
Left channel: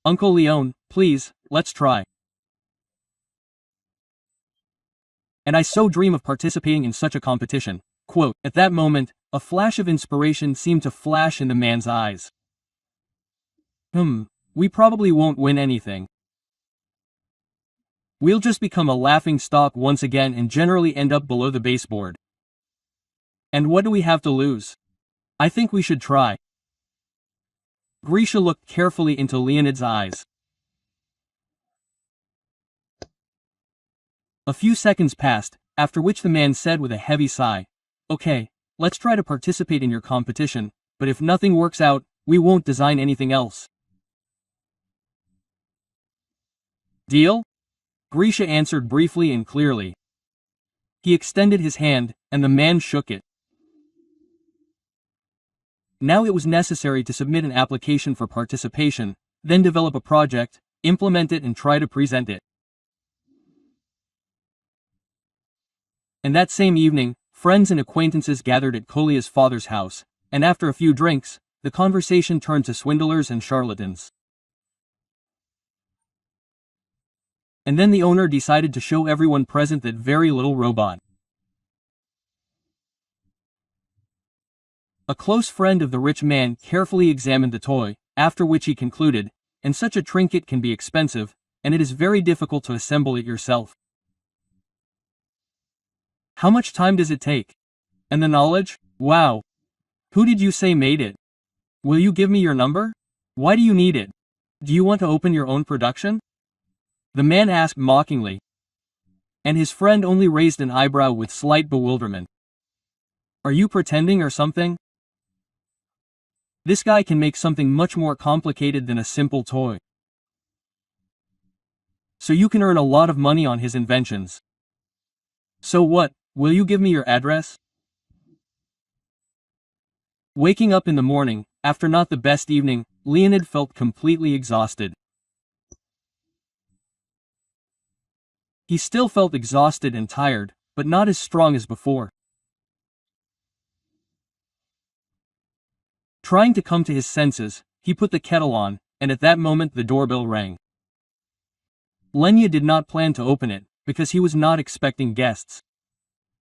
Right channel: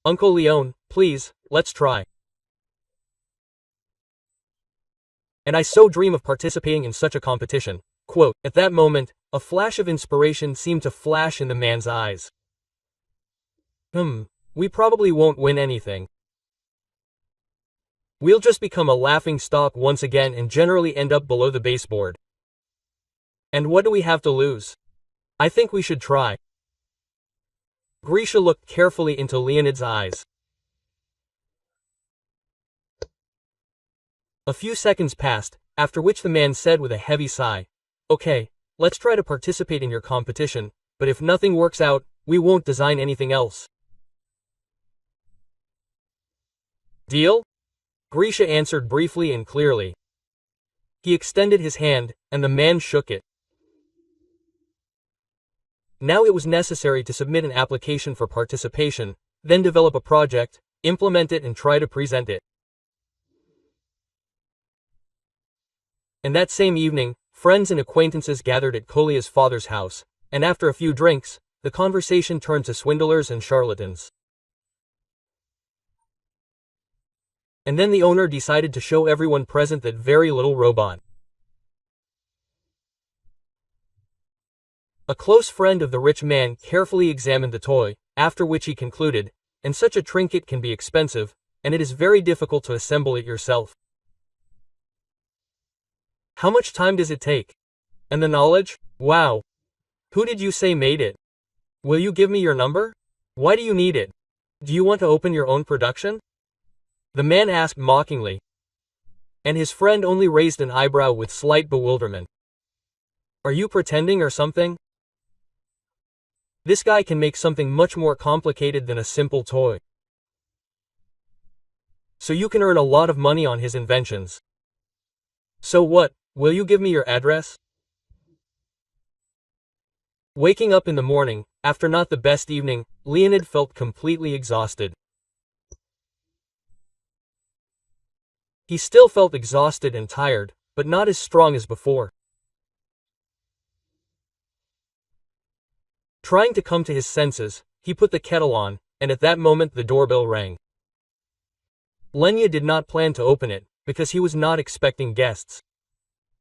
"Uncle Leon, please, let's try. And I so dream of participating in such a competition." Quote. At that moment, a flash of inspiration seemed to flash in the man's eyes. We probably won't win anything. We'll just become a laughing stock once again and generally end up below the baseboard. And what do we have to lose? I think we should try. Grisha looked carefully into Leonid's eyes. A few seconds passed, after which the man said with a heavy sigh, "Okay, let's try to participate in your competition, but if nothing works out, we won't design anything else. Deal?" Grisha answered briefly and clearly. He extended his hand, and the man shook it. Now it was necessary to submit an application for participation, then develop a project, implement it and try to present it. And that same evening, friends and acquaintances gathered at Kolia's father's house, and after a few drinks, the conversation turned to swindlers and charlatans. And then the owner decided to show everyone present that very little robot. A close friend of the rich man carefully examined the toy, after which he concluded, "And such a trinket can be expensive, and it is very difficult to assemble it yourself. How much time does it take? And the knowledge? Wow. Who did you say made it? Will you give me your number? Why do you need it? Do you want to open your own production?" The man asked mockingly. And his friend only raised an eyebrow with slight bewilderment. "Are you pretending or something? This guy can make something much more complicated than a simple toy. So you can earn a lot of money on his inventions. So what, will you give me your address?" Waking up in the morning, after not the best evening, Leonid felt completely exhausted. He still felt exhausted and tired, but not as strong as before. Trying to come to his senses, he put the kettle on, and at that moment the doorbell rang. Lenya did not plan to open it, because he was not expecting guests.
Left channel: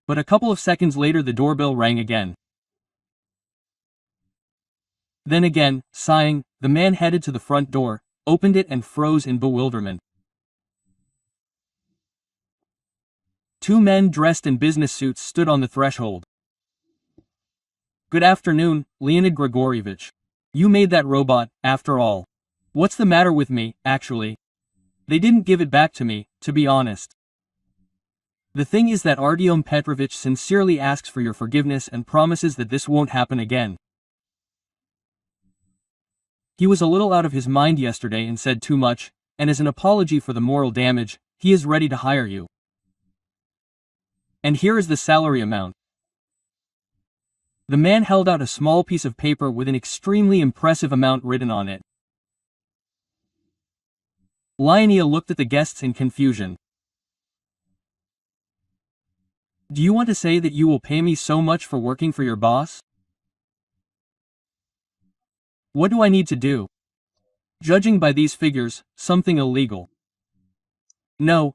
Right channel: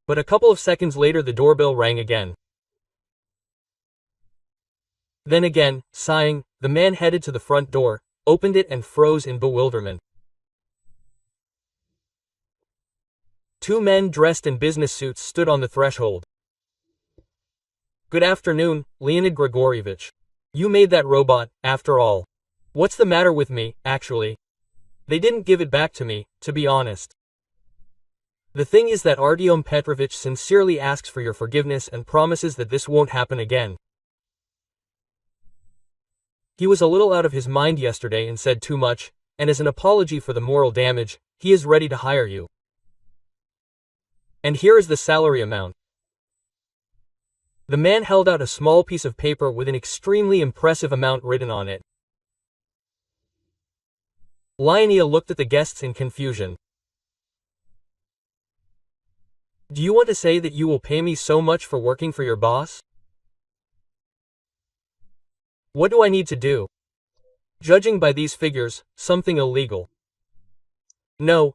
But a couple of seconds later the doorbell rang again. Then again, sighing, the man headed to the front door, opened it and froze in bewilderment. Two men dressed in business suits stood on the threshold. "Good afternoon, Leonid Grigorievich. You made that robot, after all. What's the matter with me, actually? They didn't give it back to me, to be honest. The thing is that Artyom Petrovich sincerely asks for your forgiveness and promises that this won't happen again. He was a little out of his mind yesterday and said too much, and as an apology for the moral damage, he is ready to hire you. And here is the salary amount." The man held out a small piece of paper with an extremely impressive amount written on it. Lenya looked at the guests in confusion. "Do you want to say that you will pay me so much for working for your boss? What do I need to do? Judging by these figures, something illegal." No,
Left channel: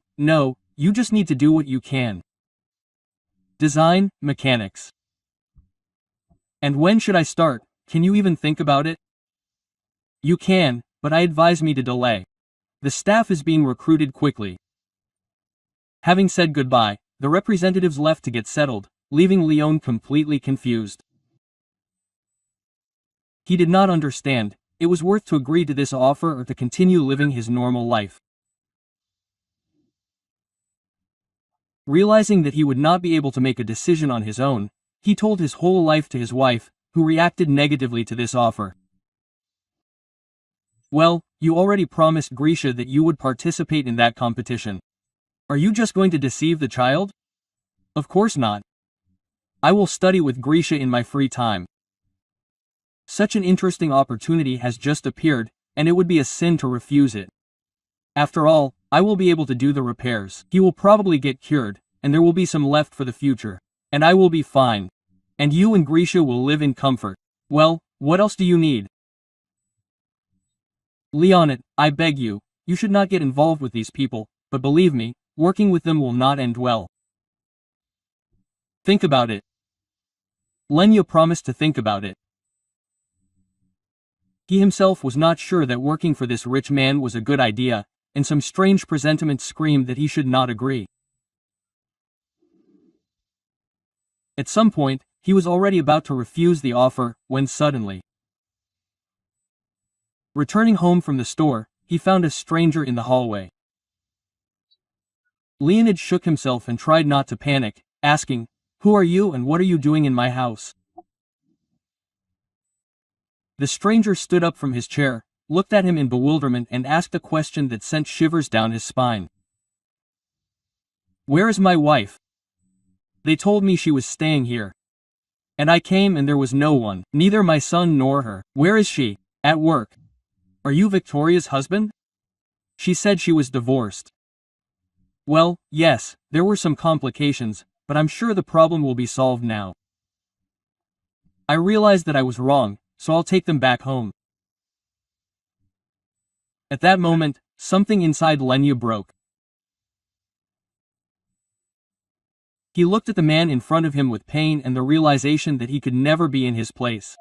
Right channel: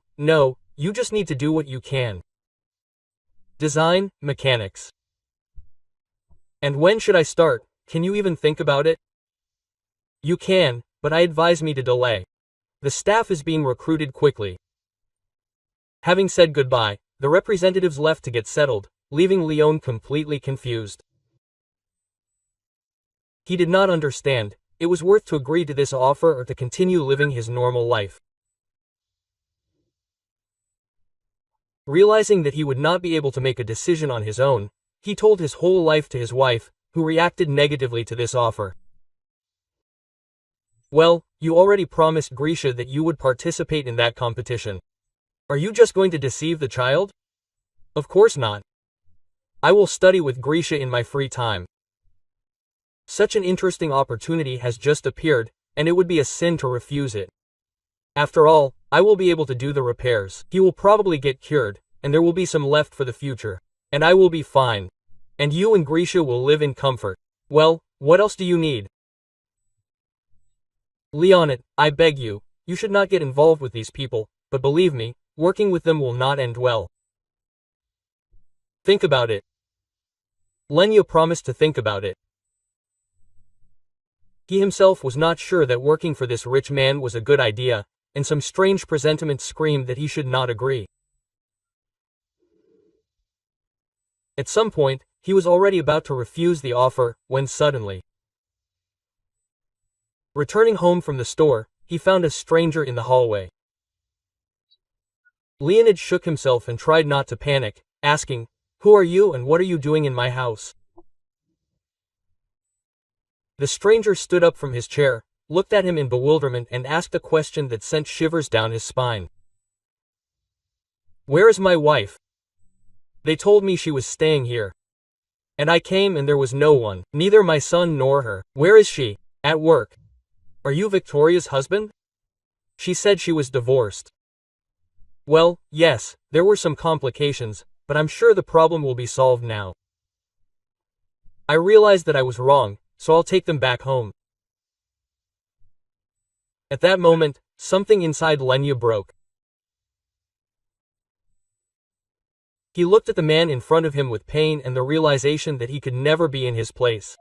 you just need to do what you can. Design, mechanics. And when should I start? Can you even think about it? You can, but I advise me to delay. The staff is being recruited quickly. Having said goodbye, the representatives left to get settled, leaving Leon completely confused. He did not understand, it was worth to agree to this offer or to continue living his normal life. Realizing that he would not be able to make a decision on his own, he told his whole life to his wife, who reacted negatively to this offer. "Well, you already promised Grisha that you would participate in that competition. Are you just going to deceive the child? Of course not. I will study with Grisha in my free time. Such an interesting opportunity has just appeared, and it would be a sin to refuse it. After all, I will be able to do the repairs. He will probably get cured, and there will be some left for the future. And I will be fine. And you and Grisha will live in comfort. Well, what else do you need? Leonid, I beg you, you should not get involved with these people, but believe me, working with them will not end well. Think about it." Lenya promised to think about it. He himself was not sure that working for this rich man was a good idea, and some strange presentiment screamed that he should not agree. At some point, he was already about to refuse the offer, when suddenly, returning home from the store, he found a stranger in the hallway. Leonid shook himself and tried not to panic, asking, "Who are you and what are you doing in my house?" The stranger stood up from his chair, looked at him in bewilderment and asked a question that sent shivers down his spine. "Where is my wife? They told me she was staying here. And I came and there was no one, neither my son nor her. Where is she? At work. Are you Victoria's husband? She said she was divorced." "Well, yes, there were some complications, but I'm sure the problem will be solved now. I realized that I was wrong, so I'll take them back home." At that moment, something inside Lenya broke. He looked at the man in front of him with pain and the realization that he could never be in his place.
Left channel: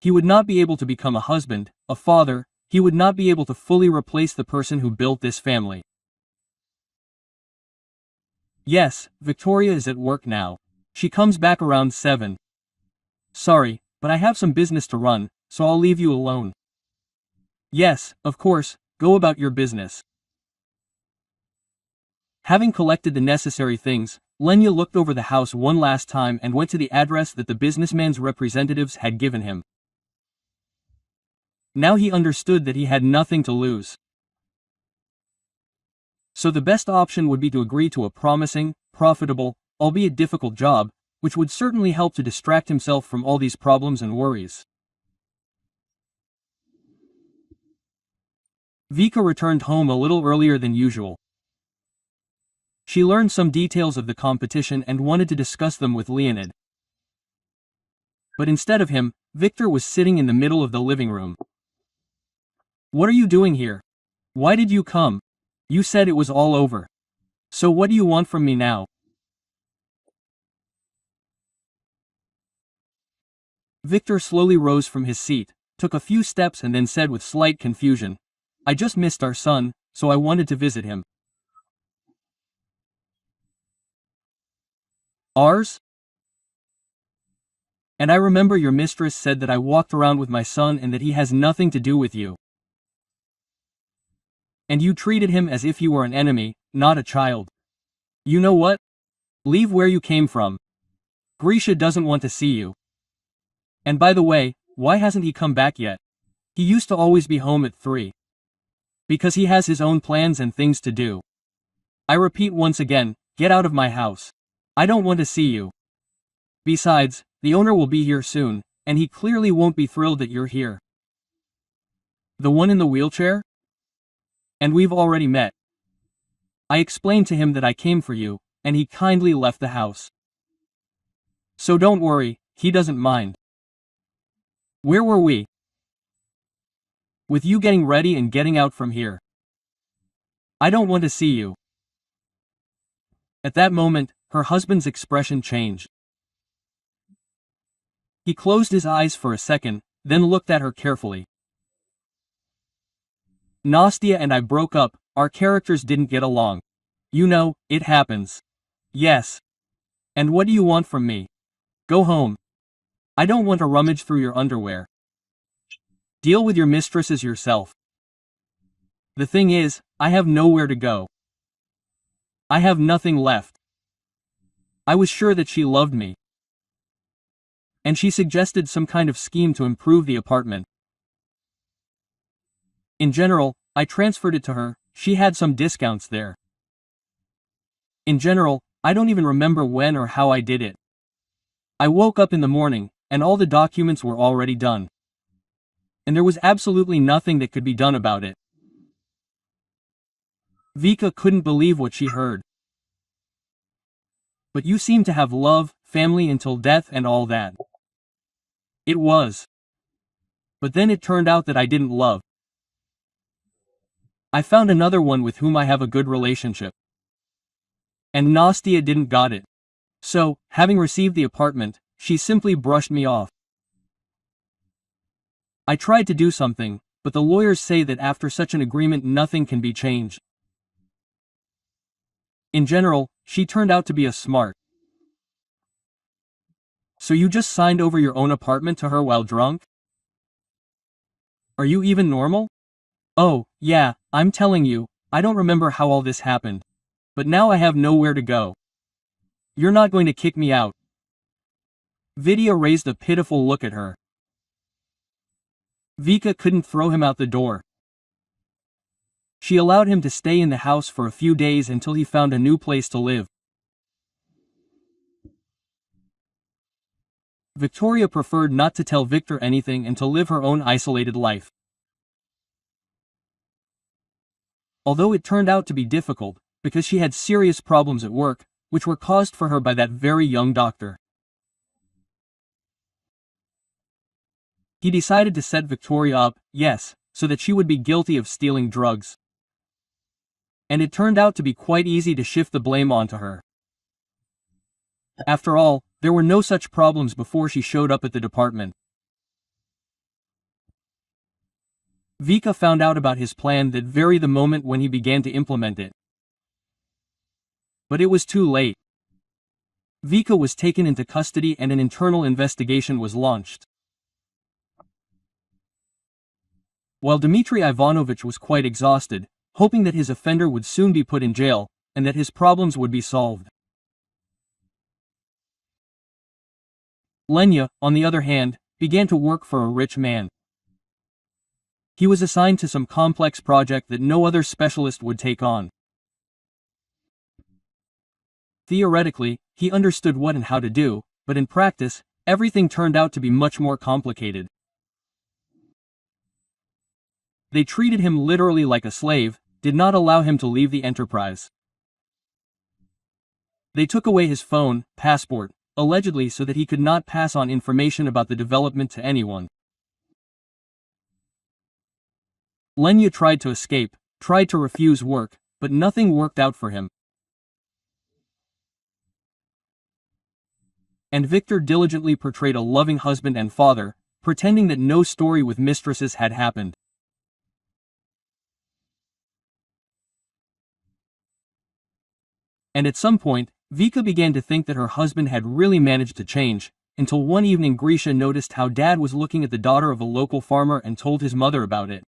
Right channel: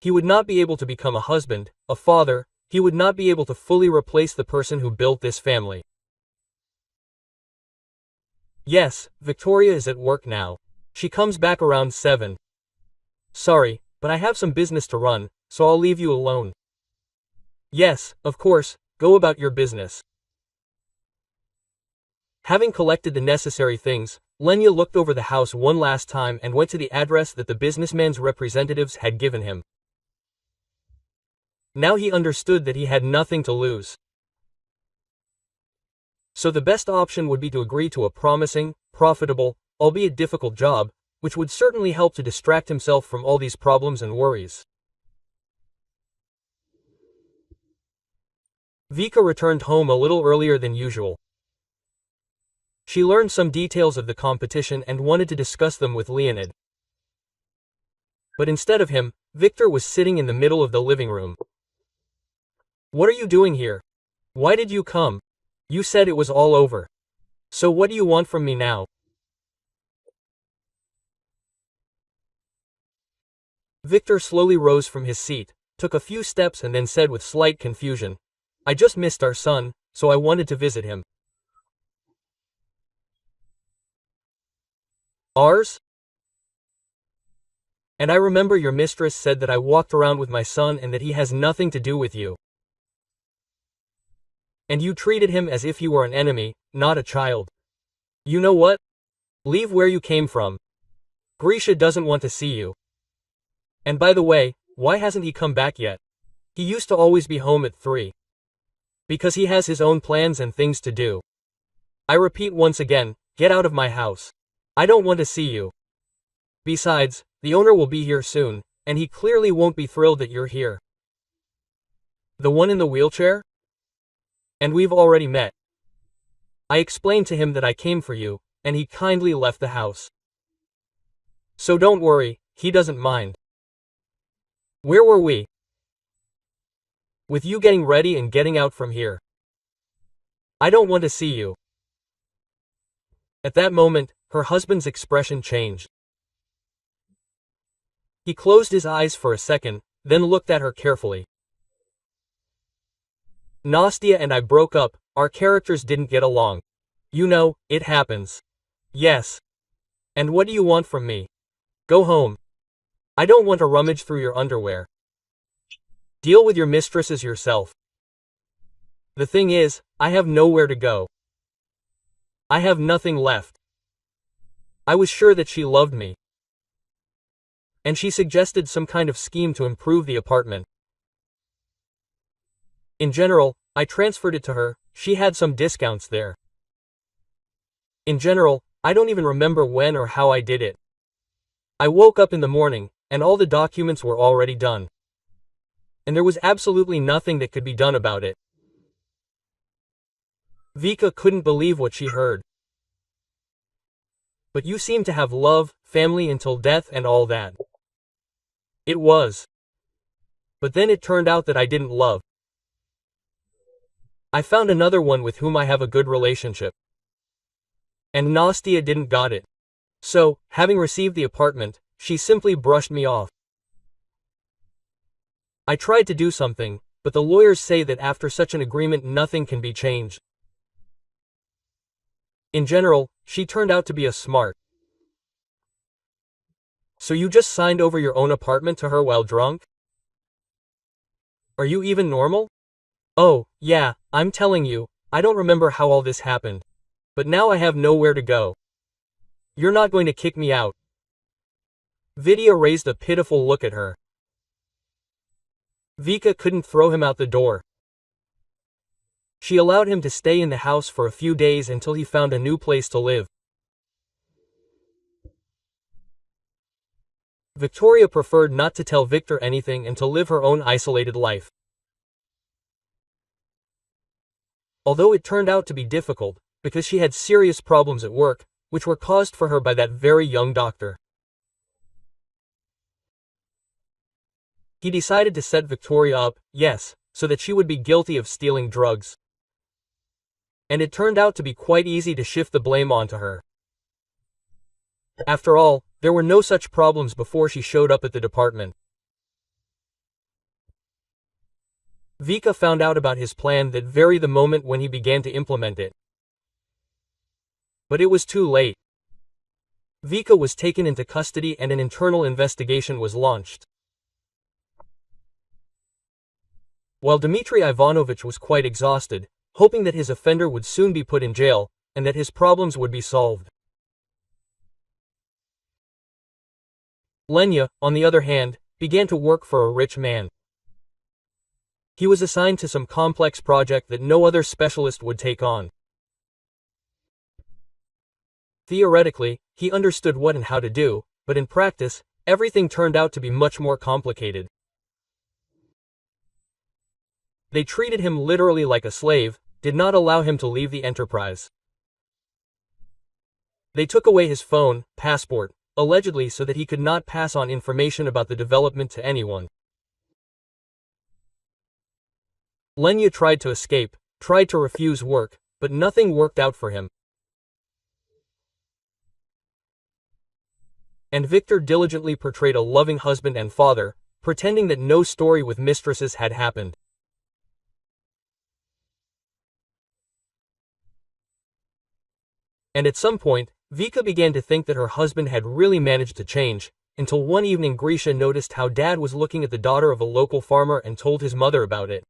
He would not be able to become a husband, a father, he would not be able to fully replace the person who built this family. Yes, Victoria is at work now. She comes back around 7. Sorry, but I have some business to run, so I'll leave you alone. Yes, of course, go about your business. Having collected the necessary things, Lenya looked over the house one last time and went to the address that the businessman's representatives had given him. Now he understood that he had nothing to lose. So the best option would be to agree to a promising, profitable, albeit difficult job, which would certainly help to distract himself from all these problems and worries. Vika returned home a little earlier than usual. She learned some details of the competition and wanted to discuss them with Leonid. But instead of him, Victor was sitting in the middle of the living room. "What are you doing here? Why did you come? You said it was all over. So what do you want from me now?" Victor slowly rose from his seat, took a few steps and then said with slight confusion, "I just missed our son, so I wanted to visit him." "Ours? And I remember your mistress said that I walked around with my son and that he has nothing to do with you. And you treated him as if you were an enemy, not a child. You know what? Leave where you came from. Grisha doesn't want to see you. And by the way, why hasn't he come back yet? He used to always be home at 3. Because he has his own plans and things to do. I repeat once again, get out of my house. I don't want to see you. Besides, the owner will be here soon, and he clearly won't be thrilled that you're here." "The one in the wheelchair? And we've already met. I explained to him that I came for you, and he kindly left the house. So don't worry, he doesn't mind." "Where were we?" "With you getting ready and getting out from here. I don't want to see you." At that moment, her husband's expression changed. He closed his eyes for a second, then looked at her carefully. "Nastya and I broke up, our characters didn't get along. You know, it happens." "Yes. And what do you want from me? Go home. I don't want to rummage through your underwear. Deal with your mistresses yourself. The thing is, I have nowhere to go. I have nothing left. I was sure that she loved me. And she suggested some kind of scheme to improve the apartment. In general, I transferred it to her, she had some discounts there. In general, I don't even remember when or how I did it. I woke up in the morning, and all the documents were already done. And there was absolutely nothing that could be done about it." Vika couldn't believe what she heard. "But you seem to have love, family until death and all that." "It was. But then it turned out that I didn't love. I found another one with whom I have a good relationship. And Nastya didn't got it. So, having received the apartment, she simply brushed me off. I tried to do something, but the lawyers say that after such an agreement nothing can be changed. In general, she turned out to be a smart." "So you just signed over your own apartment to her while drunk? Are you even normal?" "Oh, yeah, I'm telling you, I don't remember how all this happened. But now I have nowhere to go. You're not going to kick me out." Vidya raised a pitiful look at her. Vika couldn't throw him out the door. She allowed him to stay in the house for a few days until he found a new place to live. Victoria preferred not to tell Victor anything and to live her own isolated life. Although it turned out to be difficult, because she had serious problems at work, which were caused for her by that very young doctor. He decided to set Victoria up, yes, so that she would be guilty of stealing drugs. And it turned out to be quite easy to shift the blame onto her. After all, there were no such problems before she showed up at the department. Vika found out about his plan that very the moment when he began to implement it. But it was too late. Vika was taken into custody and an internal investigation was launched. While Dmitry Ivanovich was quite exhausted, hoping that his offender would soon be put in jail, and that his problems would be solved. Lenya, on the other hand, began to work for a rich man. He was assigned to some complex project that no other specialist would take on. Theoretically, he understood what and how to do, but in practice, everything turned out to be much more complicated. They treated him literally like a slave, did not allow him to leave the enterprise. They took away his phone, passport, allegedly so that he could not pass on information about the development to anyone. Lenya tried to escape, tried to refuse work, but nothing worked out for him. And Victor diligently portrayed a loving husband and father, pretending that no story with mistresses had happened. And at some point, Vika began to think that her husband had really managed to change, until one evening Grisha noticed how dad was looking at the daughter of a local farmer and told his mother about it.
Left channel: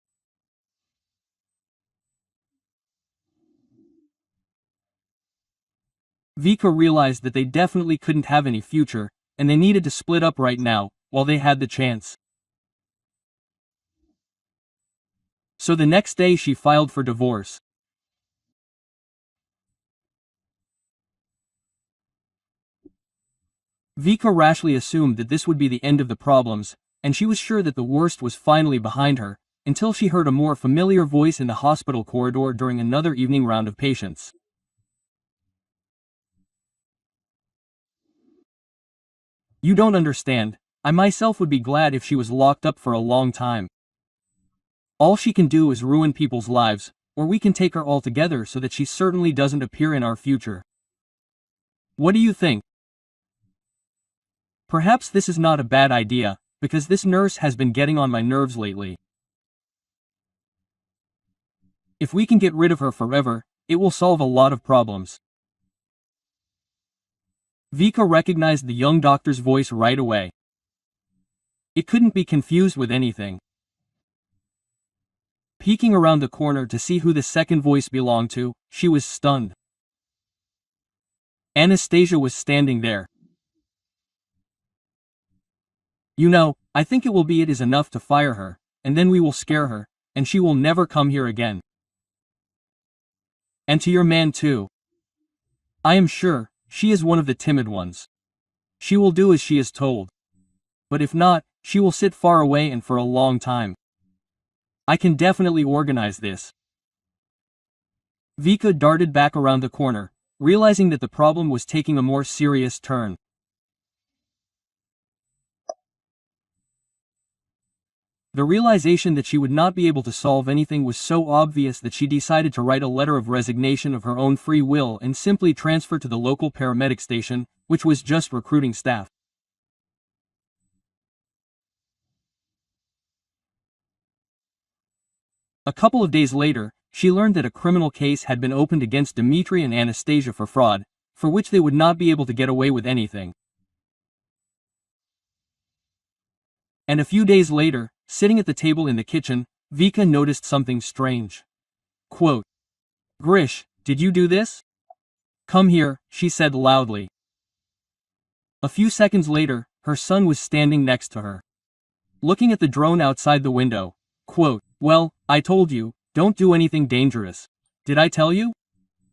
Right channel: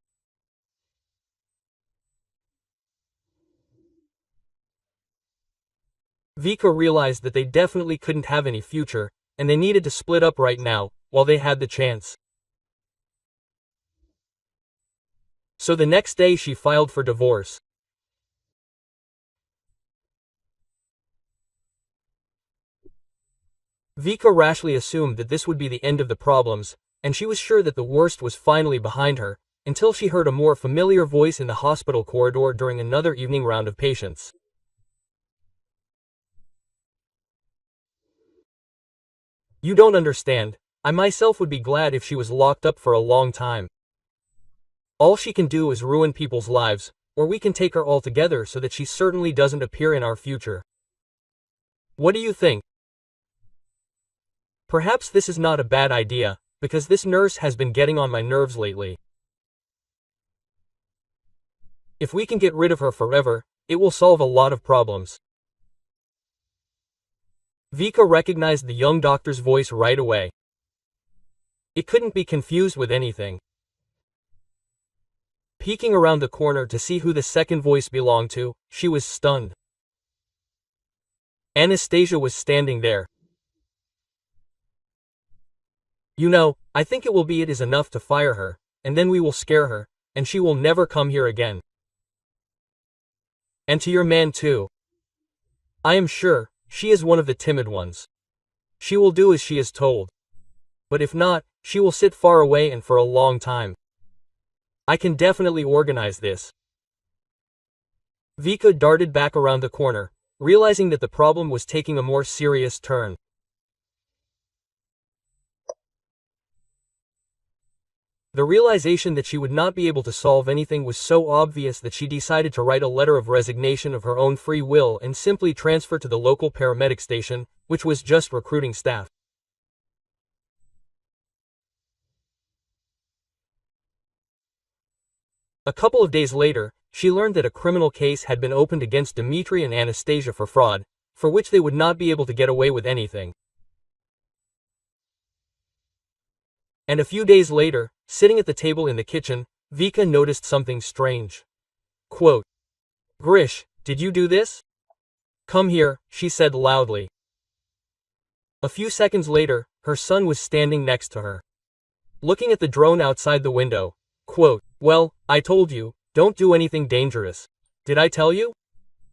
Vika realized that they definitely couldn't have any future, and they needed to split up right now, while they had the chance. So the next day she filed for divorce. Vika rashly assumed that this would be the end of the problems, and she was sure that the worst was finally behind her, until she heard a more familiar voice in the hospital corridor during another evening round of patients. You don't understand. I myself would be glad if she was locked up for a long time. All she can do is ruin people's lives, or we can take her altogether so that she certainly doesn't appear in our future. What do you think? Perhaps this is not a bad idea, because this nurse has been getting on my nerves lately. If we can get rid of her forever, it will solve a lot of problems. Vika recognized the young doctor's voice right away. It couldn't be confused with anything. Peeking around the corner to see who the second voice belonged to, she was stunned. Anastasia was standing there. You know, I think it is enough to fire her, and then we will scare her, and she will never come here again. And to your man too. I am sure, she is one of the timid ones. She will do as she is told. But if not, she will sit far away and for a long time. I can definitely organize this. Vika darted back around the corner, realizing that the problem was taking a more serious turn. The realization that she would not be able to solve anything was so obvious that she decided to write a letter of resignation of her own free will and simply transfer to the local paramedic station, which was just recruiting staff. A couple of days later, she learned that a criminal case had been opened against Dmitry and Anastasia for fraud, for which they would not be able to get away with anything. And a few days later, sitting at the table in the kitchen, Vika noticed something strange. Quote, "Grish, did you do this? Come here," she said loudly. A few seconds later, her son was standing next to her. Looking at the drone outside the window. Quote, "Well, I told you, don't do anything dangerous. Did I tell you?"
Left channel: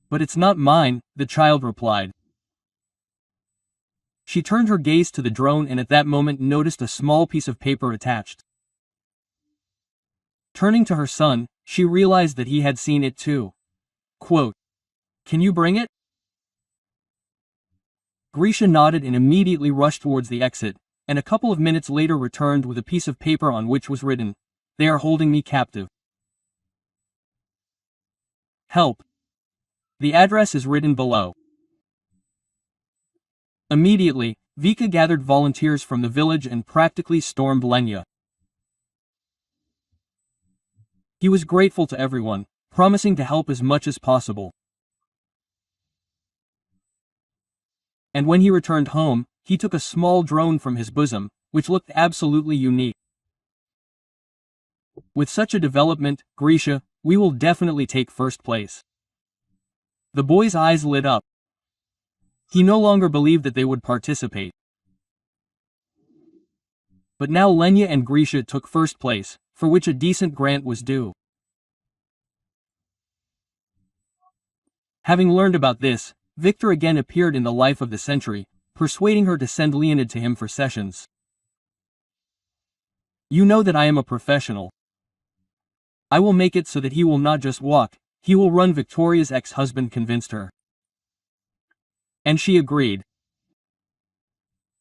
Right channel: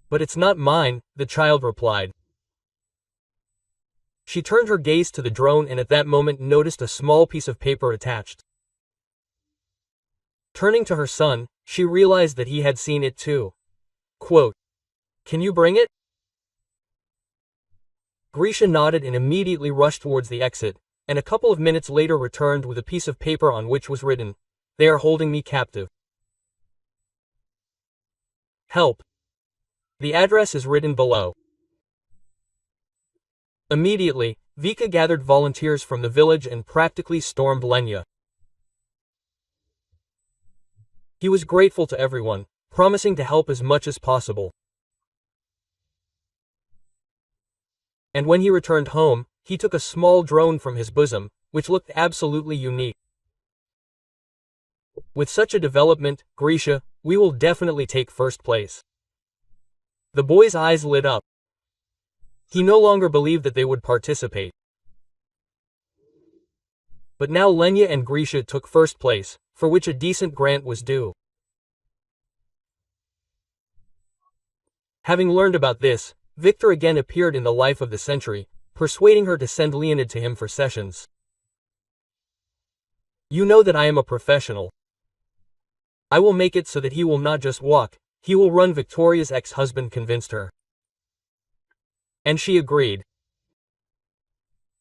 "But it's not mine," the child replied. She turned her gaze to the drone and at that moment noticed a small piece of paper attached. Turning to her son, she realized that he had seen it too. Quote, "Can you bring it?" Grisha nodded and immediately rushed towards the exit, and a couple of minutes later returned with a piece of paper on which was written, "They are holding me captive. Help. The address is written below." Immediately, Vika gathered volunteers from the village and practically stormed Lenya. He was grateful to everyone, promising to help as much as possible. And when he returned home, he took a small drone from his bosom, which looked absolutely unique. With such a development, Grisha, we will definitely take first place. The boy's eyes lit up. He no longer believed that they would participate. But now Lenya and Grisha took first place, for which a decent grant was due. Having learned about this, Victor again appeared in the life of the century, persuading her to send Leonid to him for sessions. "You know that I am a professional. I will make it so that he will not just walk, he will run," Victoria's ex-husband convinced her. And she agreed.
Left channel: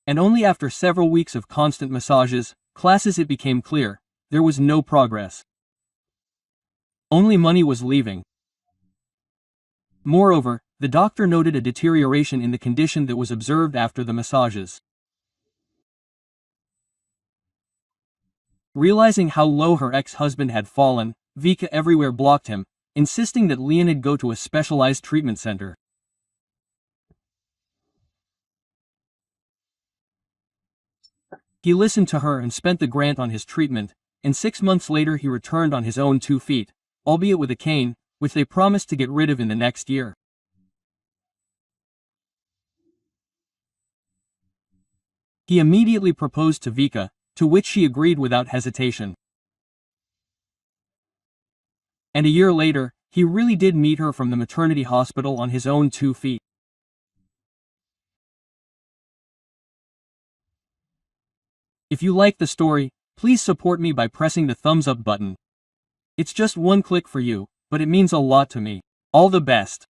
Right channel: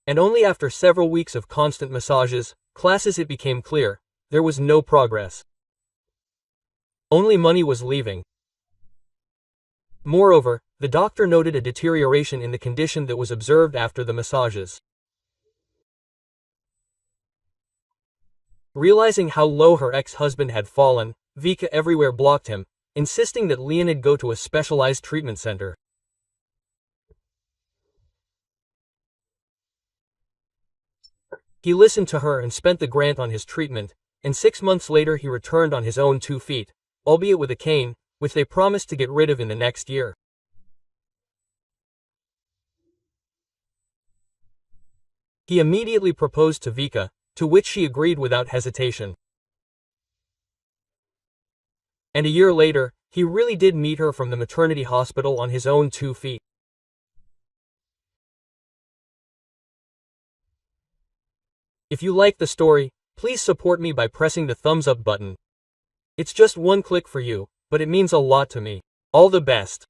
And only after several weeks of constant massages, classes it became clear, there was no progress. Only money was leaving. Moreover, the doctor noted a deterioration in the condition that was observed after the massages. Realizing how low her ex-husband had fallen, Vika everywhere blocked him, insisting that Leonid go to a specialized treatment center. He listened to her and spent the grant on his treatment, and 6 months later he returned on his own 2 feet, albeit with a cane, which they promised to get rid of in the next year. He immediately proposed to Vika, to which she agreed without hesitation. And a year later, he really did meet her from the maternity hospital on his own 2 feet. If you like the story, please support me by pressing the thumbs up button. It's just one click for you, but it means a lot to me. All the best.